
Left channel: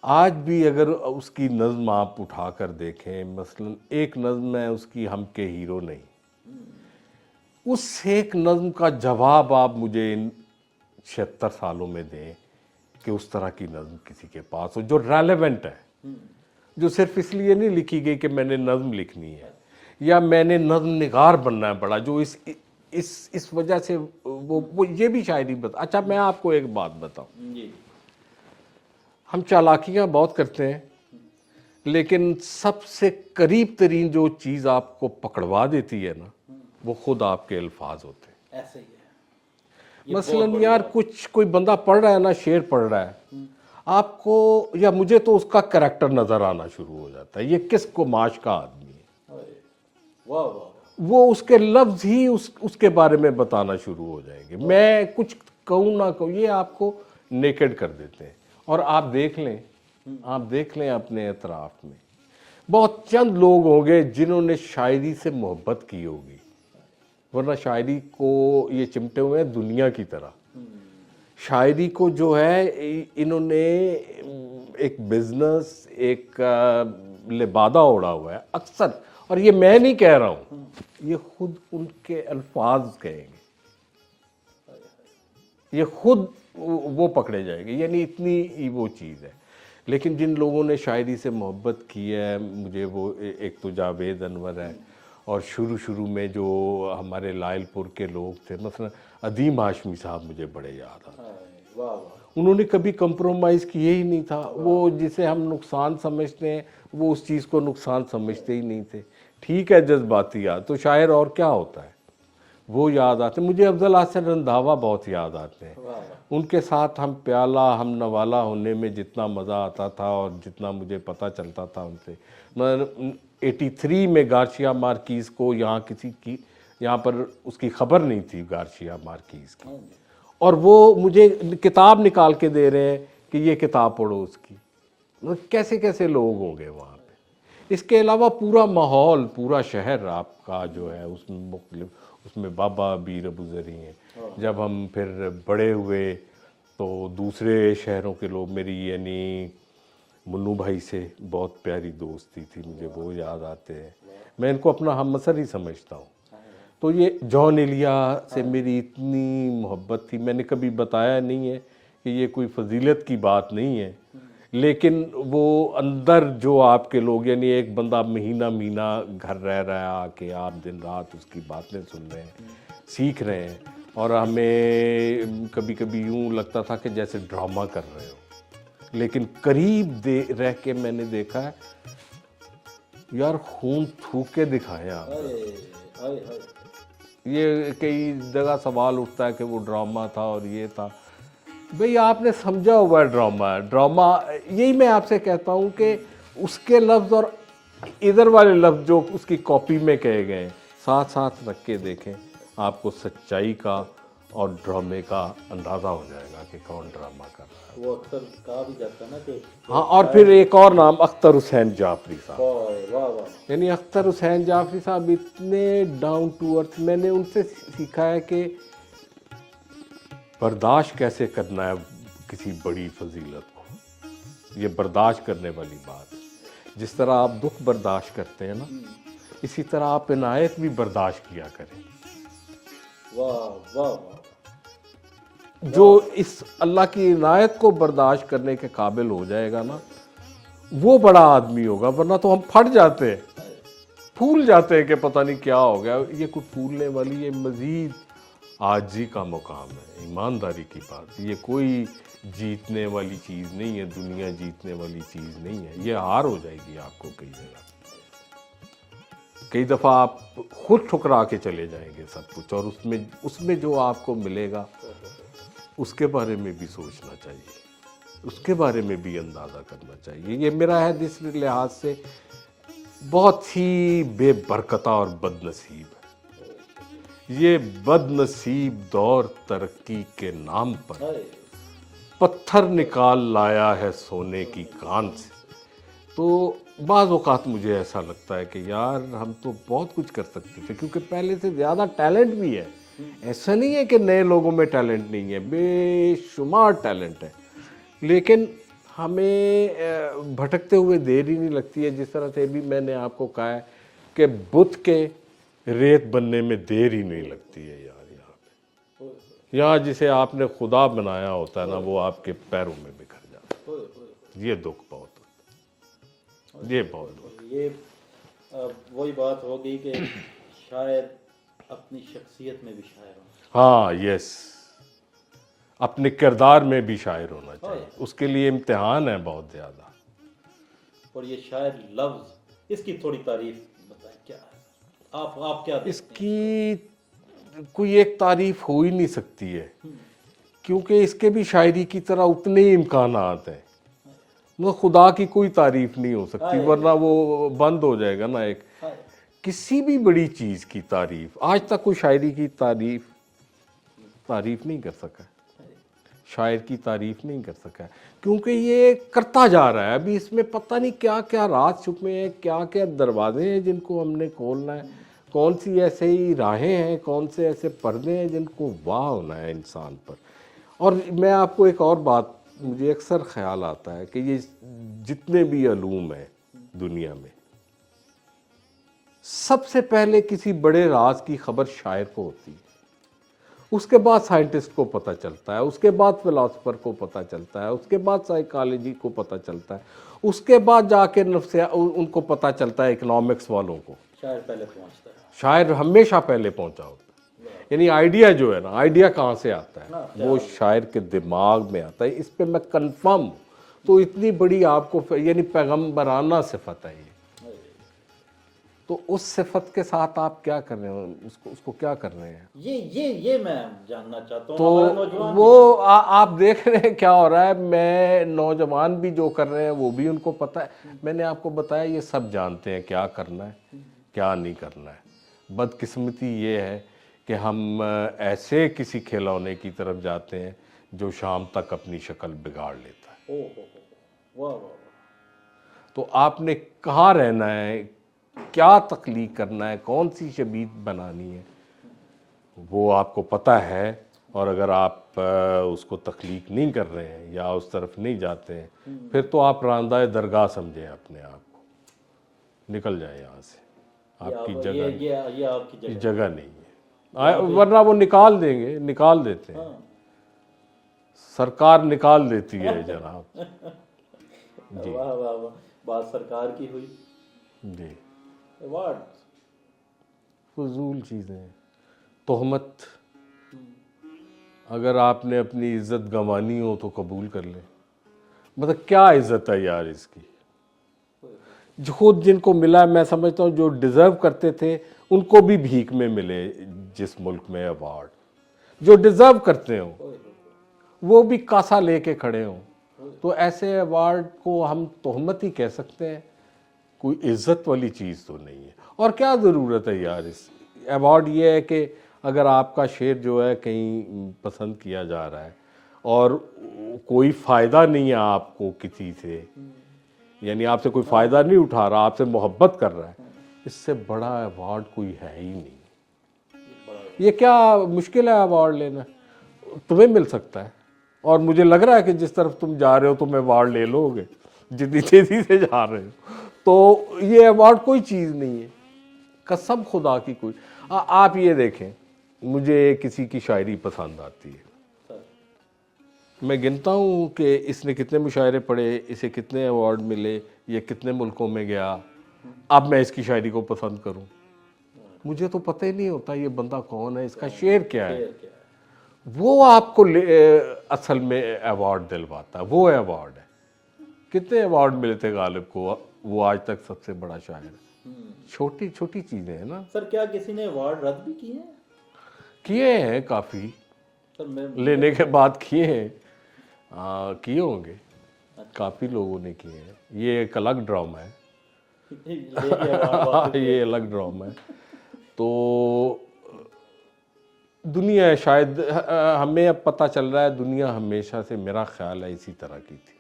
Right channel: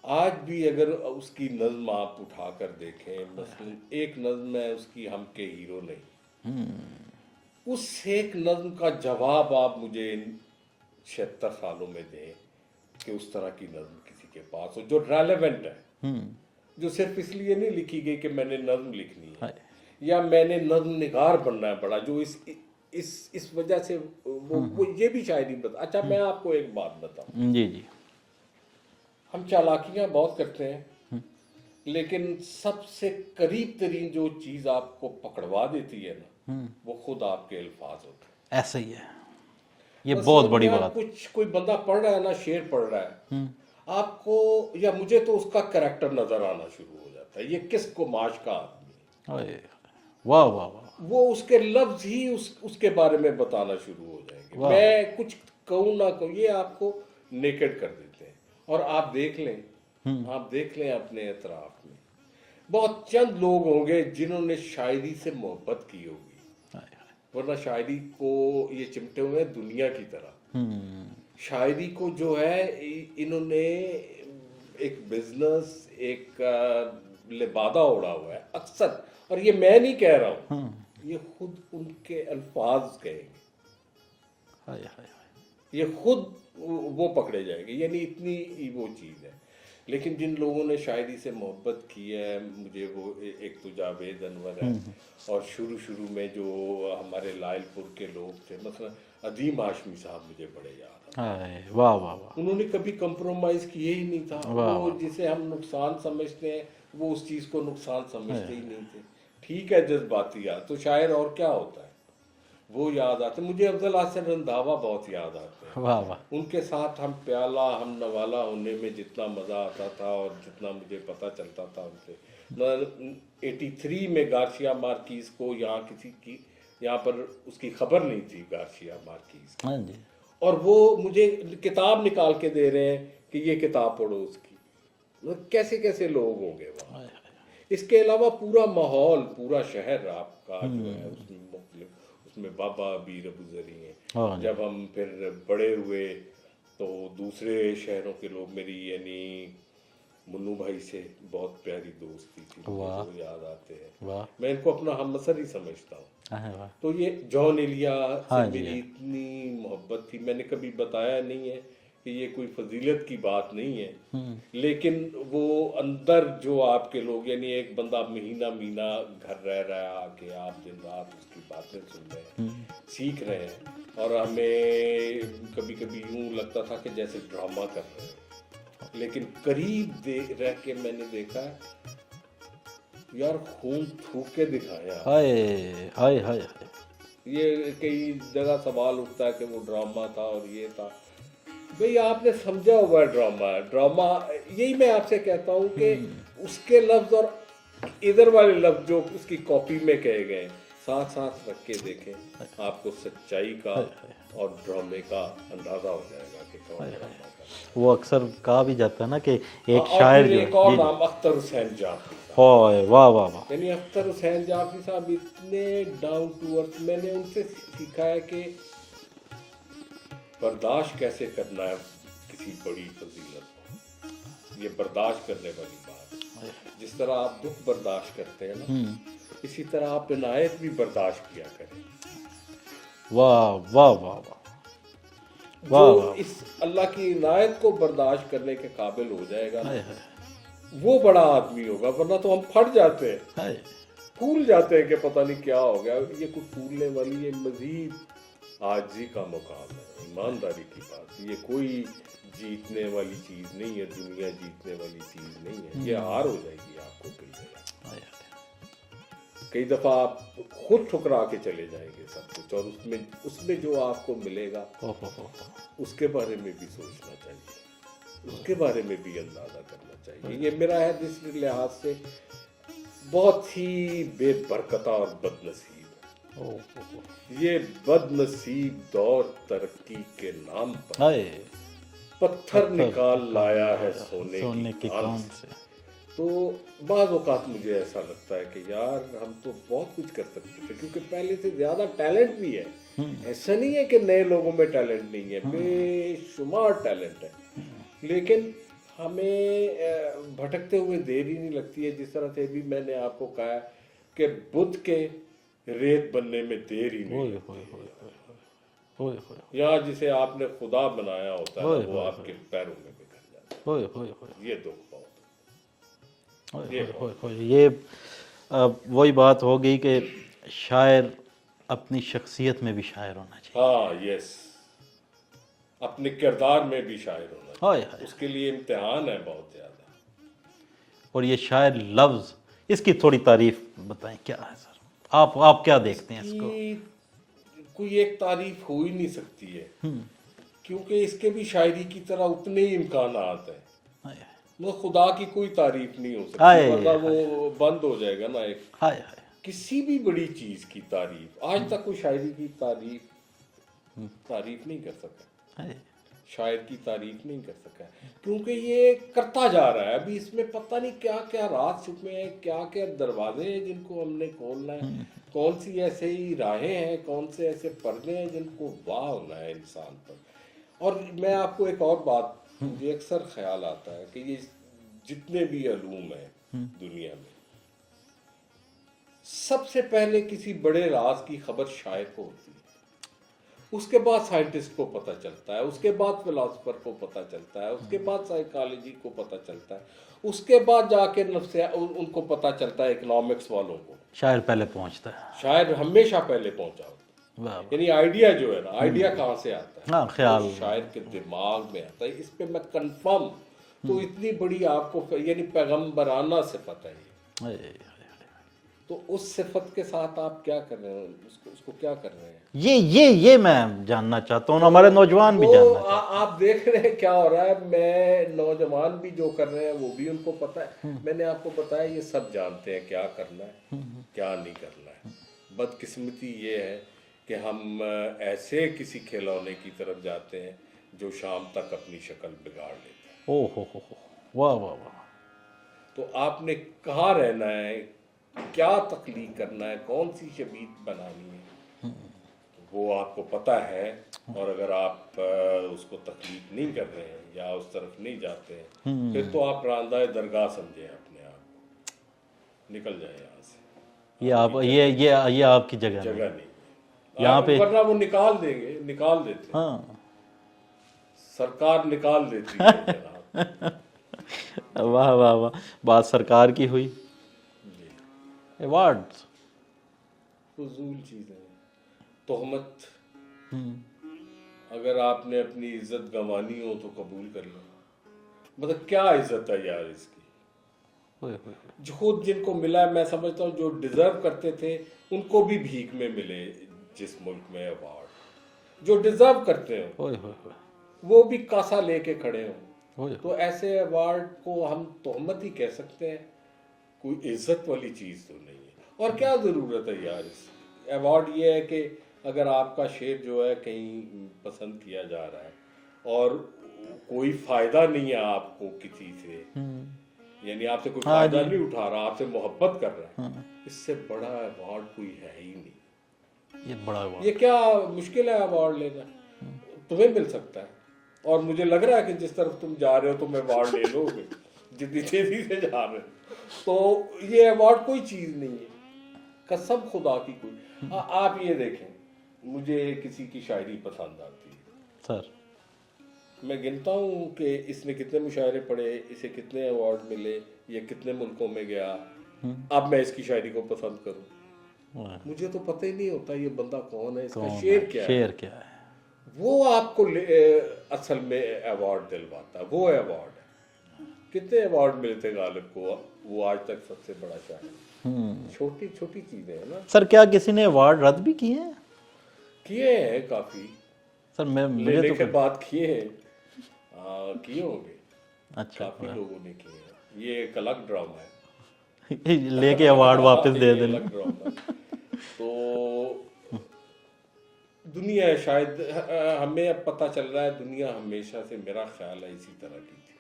آج بھی اگر اس کی نظم آپ اٹھا کر دیکھیں، مثلا ایک نظم ہے اس کی، ہم کے ہیرو نہیں، اس ایک نظم کا جواب آپ مجھے ان 76 سالوں میں دیں کہ اس طرح کی نظم کسی کے پاس ہو جو ریلیونٹ ہے، جو صرف اس لیے نہیں لکھی گئی کہ میں نے نظم لکھنی ہے یا میں نے نظم نگار بننا ہے بڑا، جو اس وجہ سے وہ یہ بھی شاعری بتا۔ اچھا میں آپ کو ایک بات بتاؤں، جی جی ہم چالاکیاں بہت کرتے ہیں، لیکن سب سے قریب ترین جو چیز آپ کو پکڑوا دیتی ہے نا، وہ خود آپ کے الفاظ ہوتے ہیں۔ ایسا ہی ہے، یہ بہت مثلاً بڑی یار بات۔ کچھ کوئی بندہ پڑھ رہا ہے نا، شعر پڑھ رہا ہے، آپ کو یا مجھے تو اس کا کریکٹر نظر آنا شروع ہو جاتا ہے، یہ کس گماش کا آدمی ہے، ہائے واہ واہ واہ، وہ اس کے لفظ ہی اس کے بارے میں بتانا شروع ہو جائیں گے، میں کچھ کہوں نہ کہوں، یہ آپ کو نیکڈ کر دیتے ہیں۔ اور آپ دیکھ لیں اپنے اطراف میں بہت چند لوگ ہوں گے جنہوں نے شاعری سے محبت کی ہوگی، ورنہ شاعری کو یہ چمٹے ہوئے ہیں دنیا کی طرح۔ شاعری کو جو ہے انہوں نے ایک بزنس، ایک لبادہ اوڑا ہوا ہے اکثر، اور یہ میں نہیں کہہ رہا ہوں، یہ خود ان کے الفاظ کہیں گے، ہائے ہائے، یہ خود وہ پکڑے جائیں گے، یعنی اتنی ہی وہ چیز ہے۔ لیکن جن لوگوں نے شاعری سے محبت کی ہے، مجھے وہ ایک تو جاوید انور ہے، اور شروع میں جو ہمارے لائل پور کے لوگ تھے، مثلا عدیم ہاشمی صاحب مجھے بڑے یاد آتے، واہ واہ واہ، انہوں نے کبھی کمپرومائز کیے ہی نہیں تھا، وہ جسے ہم نقصان سمجھتے ہیں وہ اس چیز کو نقصان سمجھتے ہی نہیں تھے. ٹھیک ہے جذباتیات تو شاعر اور کیا ہوتا ہے، وہ یاد آتے. مجھے افضل حسن رندھاوا بہت یاد آتے ہیں. واہ واہ، ان کے ساتھ ہم پیالہ ہم نوالا ہونے میں جتنا مزہ آتا تھا اور جتنا مجھے پتہ چلتا تھا ان سے. میں 83 میں گارشیا مارکیز کو یہاں پر اس کی خبر نہیں تھی گارشیا مارکیز کی، ہاں جی، اور وہ مجھے کتاب نکال کے دے رہے ہیں کہ یہ کتاب پڑھو اس کی. کیسے کیسے لوگ ہوں گے وہاں. اس کے علاوہ پورا ماحول، پورا شہر آپ کا جو ہے اس میں مختلف، اس میں بابا بیر ابو ذری ہیں. جب ہم پھر بڑے ہوئے تو دوسرے شہروں کے لوگ، میری یعنی منو بھائی سے بہت پیاری دوستی تھی، مجھے وہ یاد آتے ہیں. میں ان کو اپنا ہم عصر ہی سمجھتا ہوں. تو یہ جان ایلیا سے میری اتنی محبت تھی. میں نے کبھی بتایا نہیں ہے کہ یہ کوئی فضیلت کی بات نہیں ہے، لیکن وہ اندر جو آپ کے لوگ، یعنی ایک بندہ مہینہ گھر رہ رہا ہے، آ کے آپ دن رات اس کی باتیں سن رہے ہیں، سیکھ رہے ہیں، اور ہمیں کبھی کبھی یوں لگتا تھا کہ جیسے ڈرامہ کر رہے ہیں، لیکن قریب رہ کے میں نے دیکھا ہے یار خون تھوک کے دکھایا. ہائے ہائے ہائے، یہ کئی جگہ سوال اٹھتا ہے کہ وہ ڈرامہ تھا اور یہ تھا. بھئی آپ نے سمجھا ہوا ہے ڈرامہ ہے. ڈرامہ یہی میں آپ سے کہتا ہوں کہ اس کے لفظ اور ادھر والے لفظ جو اس کی کاپی میں کہے گئے ساتھ رکھ کے دیکھیں، آپ کو سچائی کا اور ڈرامے کا اندازہ ہو جائے گا کہ کون ڈرامہ کر رہا ہے. وہ اکثر کہا بھی جاتا ہے نا کہ ایک اور شاعر پھر ایک اور نام اختر حسین جعفری صاحب. ہائے واہ واہ واہ، یعنی اختر حسین جعفری صاحب اتنے ڈاؤن ٹو ارتھ. میں نے ان سے سیکھا ہے کہ برداشت کیسے کرنا ہے کسی بڑی فضیلت کو. یہ برداشت کرنے والی بات ہے. جس طرح آپ دکھ برداشت کرتے ہیں نا، اسی طرح آپ عنایت بھی برداشت کیا کریں. واہ واہ واہ واہ، جو اس اللہ کی عنایت کو برداشت کرنے کے قابل ہو جائے گا نا، وہ بڑا آدمی ہوگا. ورنہ تو ہم پھٹ جاتے ہیں، پھول جاتے ہیں کہ پتہ نہیں کیا ہو گیا. یہ کوئی پھولنے والی، یہ مزید عاجزی کا مقام ہے، ایمانداری کی بات. یہ کوئی جیتنے والی چیز نہیں ہے، دنیا جیتنے والی چیز نہیں ہے. یہ ہار ہو جائے گی آپ کو کئی جگہ. کئی دفعہ آپ خود ٹھکرا کے چلے جائیں گے سب کچھ، اور اس میں جو آپ کو ملے گا اس کے بارے میں بھی سوچنا چاہیے، اس کے بارے میں بھی اندازہ کرنا چاہیے. یہ میرا ہے جس لحاظ سے بہت ہی بے برکتہ اور بد نصیب ہے. یہ بد نصیب دور ترقی کے نام پر پتھر نکال لایا ہے سونے کی کان سے. تو بعض اوقات مجھے ایسا لگتا ہے کہ یار ہم تو بہت کچھ کر سکتے تھے، کیونکہ پہلے سے زیادہ ٹیلنٹ بھی ہے. ایسا نہیں ہے کہ نئے لوگوں میں ٹیلنٹ نہیں ہے، بے شمار ٹیلنٹ ہے. لیکن ہمیں بھٹکتے ہوئے دیر ہی نہیں لگتی ہے. جس طرح سے بھی میں نے آپ کو کہا ہے کہ بت کے ریت بننے میں دیر ہی نہیں لگتی ہے. یہاں جسے آپ نے خدا بنایا ہوتا ہے نا، وہ آپ کے پیروں میں بکھر جاتا ہے. یہ دکھ بہت، یہ وہی بات ہو گئی کہ شاعر اپنی شخصیت میں بھی شاعر ہونا چاہیے. ہاں یس، اپنے کردار میں بھی شاعر ہونا چاہیے. اس کے لیے امتحان ہے بہت زیادہ. اور یہ شاعر لفظ، اس کی تھوڑی تعریف بتائیں، کیا ہے سر؟ آپ کیا دیکھتے ہیں اس کو؟ کوئی ایک تعریف ہو ہی نہیں سکتی ہے، کیونکہ اس کے بھی شاعری کی طرح اتنے ہی امکانات ہیں. وہ خدا کی کوئی تعریف نہیں ہو سکتی، ورنہ وہ بند ہو جائے گا نا. ایک کسی بھی بڑی چیز کی تعریف آج تک کوئی شاعری کی تعریف نہیں کر سکا، شاعر کی تعریف نہیں کر سکا، کیونکہ یہ کرتا جا رہا ہے. ابھی اس میں پتہ نہیں کیا کیا راز چھپے ہیں، کیا کیا دروازے ہیں جن کو ہم نے کھولنا ہے، کون سی ایسے ہی راہیں ہیں، کون سے ایسے پردے ہیں جن کو واہ ہونا ہے انسان پر. اور میں آپ کو ایک اور بات، مجھے اکثر خیال آتا ہے کہ یہ جتنے بھی علوم ہیں دنیا میں، سب سے پہلے کسی بڑے راز کی خبر شاعر کو ہوتی ہے. اس کے بعد سائنٹسٹ کو پتہ چلتا ہے, اس کے بعد فلاسفر کو پتہ چلتا ہے, اس کے بعد سائیکالوجی کو پتہ چلتا ہے, اس کے بعد جا کے ان کو پتہ چلتا ہے اکنامکس والوں کو. شاعر پہلے پہنچتا ہے. شاعر ہمیشہ پہلے پہنچا ہوتا ہے. یعنی آئیڈیا جو ہے نا, آئیڈیا کہاں سے آتا ہے؟ وہ شاعر کے دماغ میں آتا ہے. اس پہ میں کنفرم. تو اتنی بڑی آپ کو یعنی پیغمبرانہ صفت ہے یہ. تو اس صفت کے ساتھ آپ کیا کر رہے ہیں, اس کو کیا کر رہے ہیں؟ یہ میں جاننا چاہتا ہوں, ہمارے نوجوان بھی وہ آپ دیکھ رہے ہیں کیا ہو رہا ہے. میں نوجوان بھی جو کر رہے ہیں وہ بھی ان کو پتہ ہے. میں نے آپ کو بتایا یہ سب جانتے ہیں کیا کرنا ہے کیا نہیں کرنا ہے. بدقسمتی یہ ہے کہ ہم ایسے کسی کھلونے کی طرف جاتے ہیں جو شام تک اپنی شکل بگاڑ لیتا ہے. او ہو واہ واہ واہ. تو آپ نے کہاں رہنا ہے, کیا تخلیق کرنا ہے, کون سی شبیہ بنانی ہے, وہ آپ کو پتہ ہے. اور اگر آپ اس کو تخلیق نہیں کر رہے ہیں یا اس طرف نہیں جاتے ہیں, پھر تو آپ راندہ درگاہ سمجھیں اپنے آپ کو. نکل جائیں یہاں سے. یہ آپ کی جگہ نہیں ہے, ورنہ وہ نکال دیں گے, نکال دیتے ہیں. سرکار نکال دیتی ہے جناب. واہ واہ واہ. بات سرکار کی ہوئی. جی. ایوارڈ فضول چیزیں. تہمت, اگر آپ نے اپنی عزت گنوانی ہو تو قبول کر لیں. مطلب کیا عزت ہے یار اس کی. خود جن کو ملا, میں سمجھتا ہوں جو ڈیزرو کرتے تھے ان کو بھی بھیک میں ملے جس ملک میں ایوارڈ. جو ڈیزرو کرتے ہوں وہ بھی کاسا لے کے کھڑے ہوں. تو ایسے ایوارڈ کو ہم تہمت ہی کہہ سکتے ہیں, کوئی عزت والی چیز تو نہیں ہے. اور کیا ضرورت ہے یار اس ایوارڈ. یہ ہے کہ اگر آپ کا شعر جو ہے کہیں پسند کیا جا رہا ہے اور کوئی فائدہ نہیں ہے آپ کو کسی سے, یعنی آپ سے کوئی فائدہ نہیں اٹھا رہا, آپ سے محبت کر رہا ہے, اس سے بڑا ایوارڈ کوئی ہے ہی نہیں. یہ کیا مشکل ہے ایوارڈ لینا, تمہیں مل سکتا ہے. اور مجھے لگ رہا ہے کہ جس طرف تم جا رہے ہو تم ایوارڈ لے لو گے, جتنی تیزی سے جا رہے ہو. تو یہ ایوارڈ کوئی چیز نہیں ہے, قسم خدا کی کوئی. آپ یہ دیکھیں, مجھے کسی کی شاعری پسند آتی ہے سر, میں گنتا ہوں کہ اس نے کتنے مشاعرے پڑھے, اسے کتنے ایوارڈ ملے, یہ کتنے ملکوں میں گیا. اب میں اس کی شاعری کو پسند کروں, مجھے تو پتہ ہی نہیں ہوتا یہ بندہ کون ہے, اس کا شعر کیا ہے. وہ آپ کو اصل میں ایوارڈ دلواتا ہے, وہ ایوارڈ ہے. کتنے ایوارڈ ملے تھے غالب کو, وہ آج تک سب سے بڑا شاعر. چھوٹی چھوٹی چیزیں ہیں نا سر. کیا کسی نے ایوارڈ رد بھی کیے ہیں؟ کیے ہیں کافی سر. میں لینے کے بعد کیے ہیں, کیے ہوں گے. کافی لوگوں نے کیے ہیں. یہ ایک الگ ڈرامہ ہے, لے کے ایوارڈ واپس دے. یہ الگ ڈرامہ ہے. تو دنیا شاید ہمیں اب پتہ چل رہا ہے, دنیا ہمیشہ سے میرا خیال ہے اسی طرح کی تھی.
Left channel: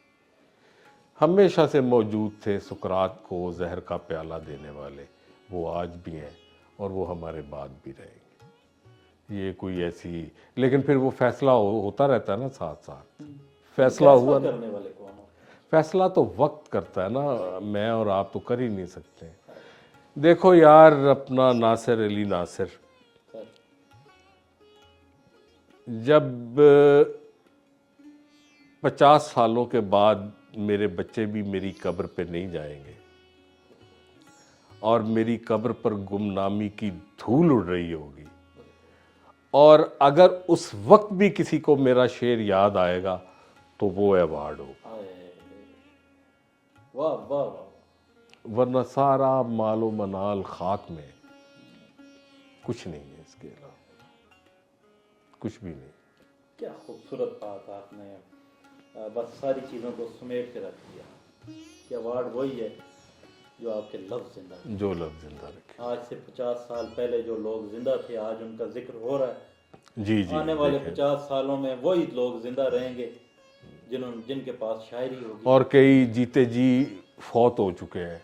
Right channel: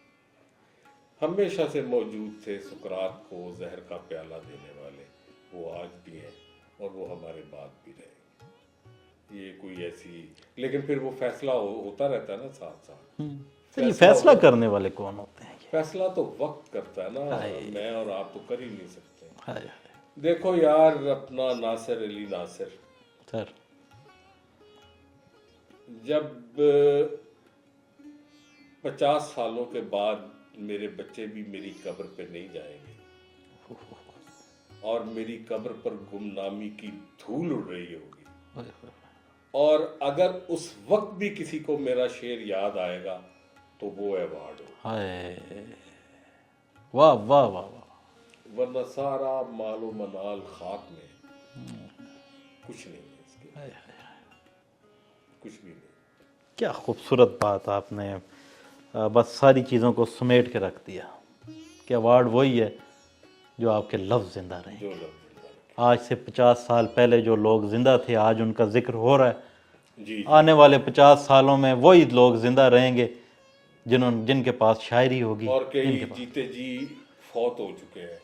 ہمیشہ سے موجود تھے سقراط کو زہر کا پیالہ دینے والے, وہ آج بھی ہیں اور وہ ہمارے بعد بھی رہیں گے. یہ کوئی ایسی, لیکن پھر وہ فیصلہ ہوتا رہتا ہے نا ساتھ ساتھ. فیصلہ کرنے والے کون ہوتے ہیں؟ فیصلہ تو وقت کرتا ہے نا, میں اور آپ تو کر ہی نہیں سکتے. دیکھو یار, اپنا ناصر علی ناصر سر, جب 50 سالوں کے بعد میرے بچے بھی میری قبر پہ نہیں جائیں گے اور میری قبر پر گمنامی کی دھول اڑ رہی ہوگی, اور اگر اس وقت بھی کسی کو میرا شعر یاد آئے گا تو وہ ایوارڈ ہوگا. واہ واہ واہ. ورنہ سارا مال و منال خاک میں, کچھ نہیں ہے اس کے, کچھ بھی نہیں. کیا خوبصورت بات آپ نے بس ساری چیزوں کو سمیٹ کے رکھ دیا کہ ایوارڈ وہی ہے جو آپ کے لفظ زندہ رہیں. جو لفظ زندہ رہیں. آج سے 50 سال پہلے جو لوگ زندہ تھے آج ان کا ذکر ہو رہا ہے. جی آنے والے 50 سالوں میں وہی لوگ زندہ رہیں گے جن کے پاس شاعری ہوگی. اور کئی جیتے جی فوت ہو چکے ہیں,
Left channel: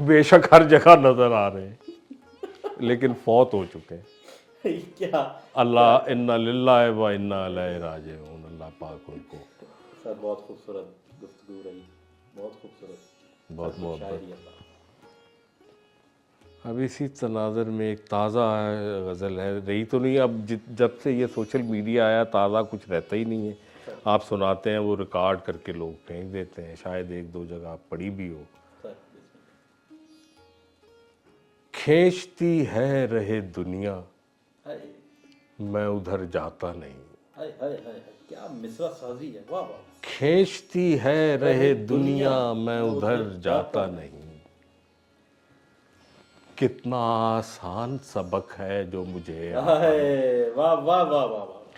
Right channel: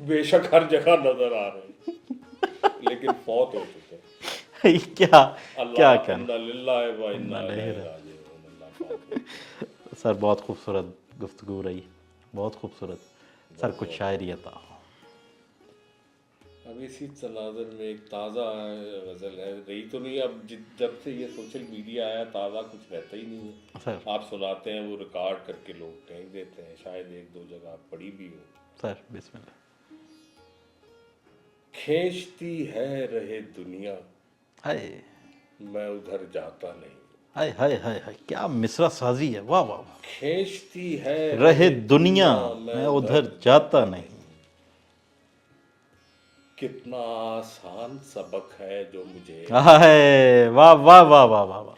بے شک ہر جگہ نظر آ رہے ہیں لیکن فوت ہو چکے ہیں. کیا اللہ انا للہ و انا الیہ راجعون. اللہ پاک ہوتے. سر بہت خوبصورت گفتگو رہی, بہت خوبصورت. سر کچھ شاعری عطا. اب اسی تناظر میں ایک تازہ غزل ہے، رہی تو نہیں اب، جب سے یہ سوشل میڈیا آیا تازہ کچھ رہتا ہی نہیں ہے. آپ سناتے ہیں وہ ریکارڈ کر کے لوگ بھیج دیتے ہیں، شاید ایک دو جگہ پڑھی بھی ہو. سر بسم اللہ. کھینچتی ہے رہے دنیا ہائے میں ادھر جاتا نہیں. ہائے ہائے ہائے ہائے، کیا مصرع سازی ہے، واہ واہ واہ. کھینچتی ہے رہے دنیا میں ادھر جاتا نہیں. کتنا آسان سبق ہے جو مجھے ہائے واہ واہ واہ واہ واہ واہ،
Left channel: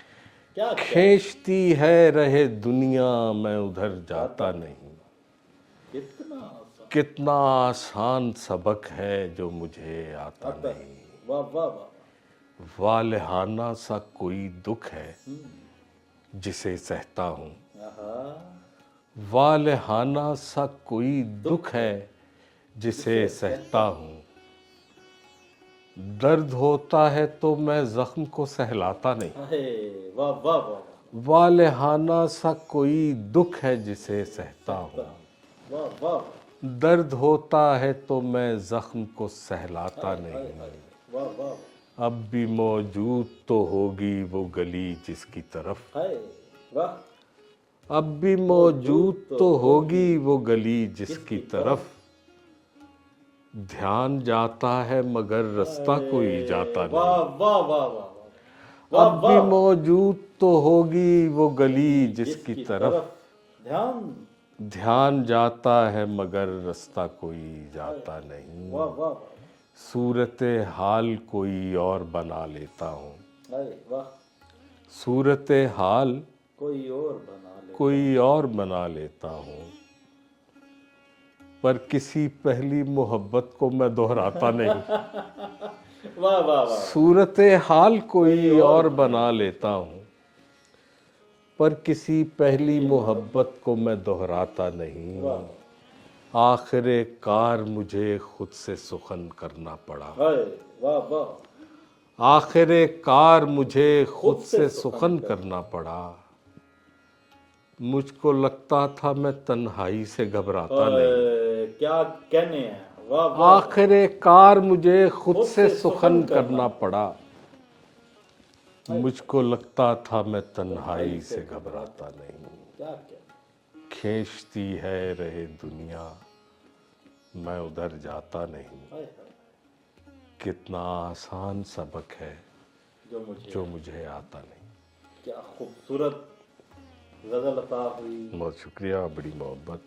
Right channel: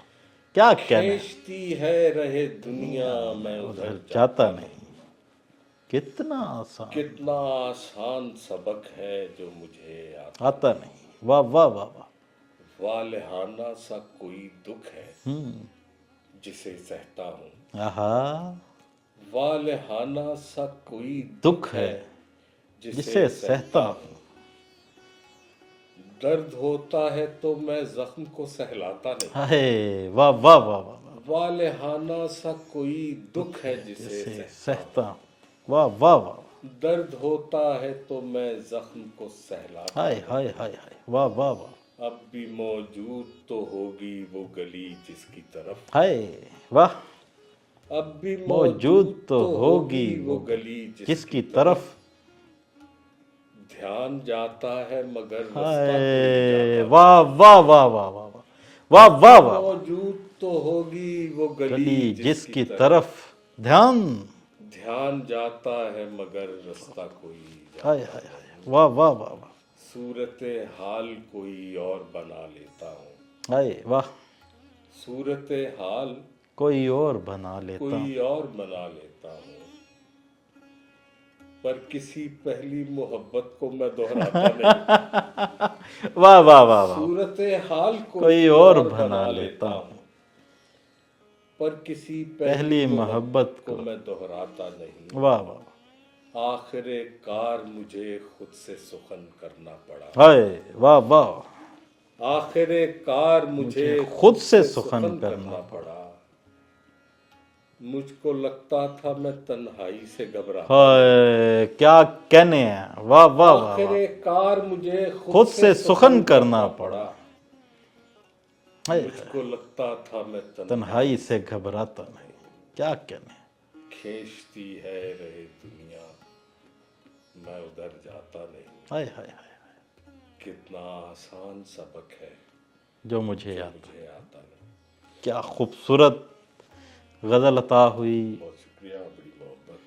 کیا کہنا ہے. کھینچتی ہے رہے دنیا میں ادھر جاتا نہیں. کتنا آسان کتنا آسان سبق ہے جو مجھے آتا نہیں. واہ واہ واہ واہ. والہانہ سا کوئی دکھ ہے جسے سہتا ہوں. آہا، والہانہ سا کوئی دکھ ہے جسے سہتا ہوں. درد ہوتا ہے تو میں زخم کو سہلاتا نہیں. ہائے واہ واہ واہ واہ. والہانہ سا کوئی دکھ ہے جسے سہتا ہوں. سہتا ہوں. واہ واہ واہ. درد ہوتا ہے تو میں زخم کو سہلاتا ہائے نہیں. ہائے ہائے ہائے، واہ واہ واہ. اب بھی موجود تو ہوگی وہ گلی جس کی طرف. ہائے واہ. اب بھی موجود تو ہوگی وہ گلی جس کی طرف. دھیان جاتا ہے مگر رستہ کوئی جاتا نہیں. واہ واہ واہ واہ واہ واہ واہ واہ. موجود تو ہوگی وہ گلی جس کی طرف دھیان. دھیان جاتا ہے مگر رستہ کوئی ہائے جاتا ہائے نہیں. ہائے، واہ واہ واہ واہ. صورت حال کوئی اور بنا لیتا ہوں. ہائے واہ. صورت حال کوئی اور بنا لیتا. کوئی اور بنا لیتا ہوں. پر کسی پہلی محبت کو میں دہراتا نہیں. واہ واہ واہ. صورت حال کوئی اور بنا لیتا ہوں. پر کسی پہلی محبت کو میں دہراتا نہیں. واہ واہ. آخر کار مجھے خود سے سخن کرنا پڑا. ہائے واہ واہ. آخر کار مجھے خود سے سخن کرنا پڑا. مجھ کو لگتا تھا میں تنہائی سے گھبراتا. ہائے کیا کہنے ہیں. واہ واہ. آخر کار مجھے خود سے سخن کرنا پڑا. مجھ کو لگتا تھا میں تنہائی سے گھبراتا نہیں. کیا کہنے. کھینچتی ہے رہے دنیا میں ادھر جاتا نہیں. ہائے ہائے ہائے، کتنا آسان سبق ہے جو مجھے آتا نہیں. کیا خوبصورت غزل عطا ہوئی. بہت شکریہ، بڑی محبت.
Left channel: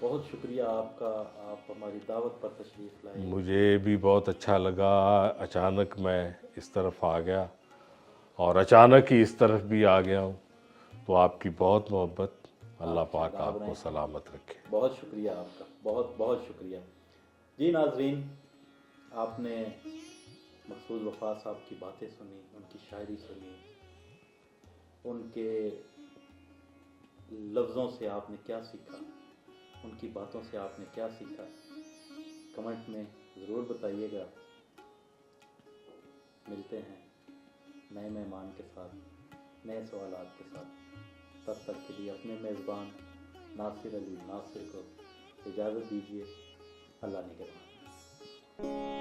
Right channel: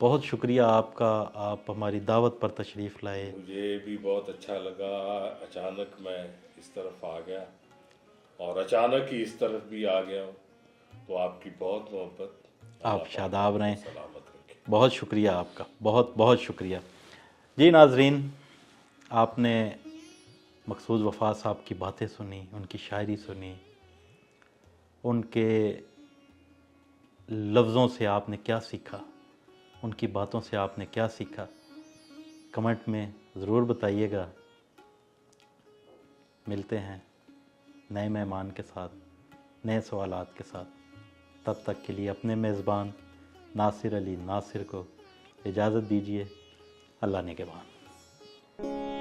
بہت شکریہ آپ کا، آپ ہماری دعوت پر تشریف لائے. مجھے بھی بہت اچھا لگا. اچانک میں اس طرف آ گیا اور اچانک ہی اس طرف بھی آ گیا ہوں. تو آپ کی بہت محبت. اللہ آپ شاداب رہیں. سلامت رکھے. بہت شکریہ آپ کا، بہت بہت شکریہ. جی ناظرین، آپ نے مقصود وفا صاحب کی باتیں سنی، ان کی شاعری سنی، ان کے لفظوں سے آپ نے کیا سیکھا، ان کی باتوں سے آپ نے کیا سیکھا. کمنٹ میں ضرور بتائیے گا. ملتے ہیں نئے مہمان کے ساتھ، نئے سوالات کے ساتھ. تب تک کے لیے اپنے میزبان ناصر علی ناصر کو اجازت دیجیے. اللہ نگہبان.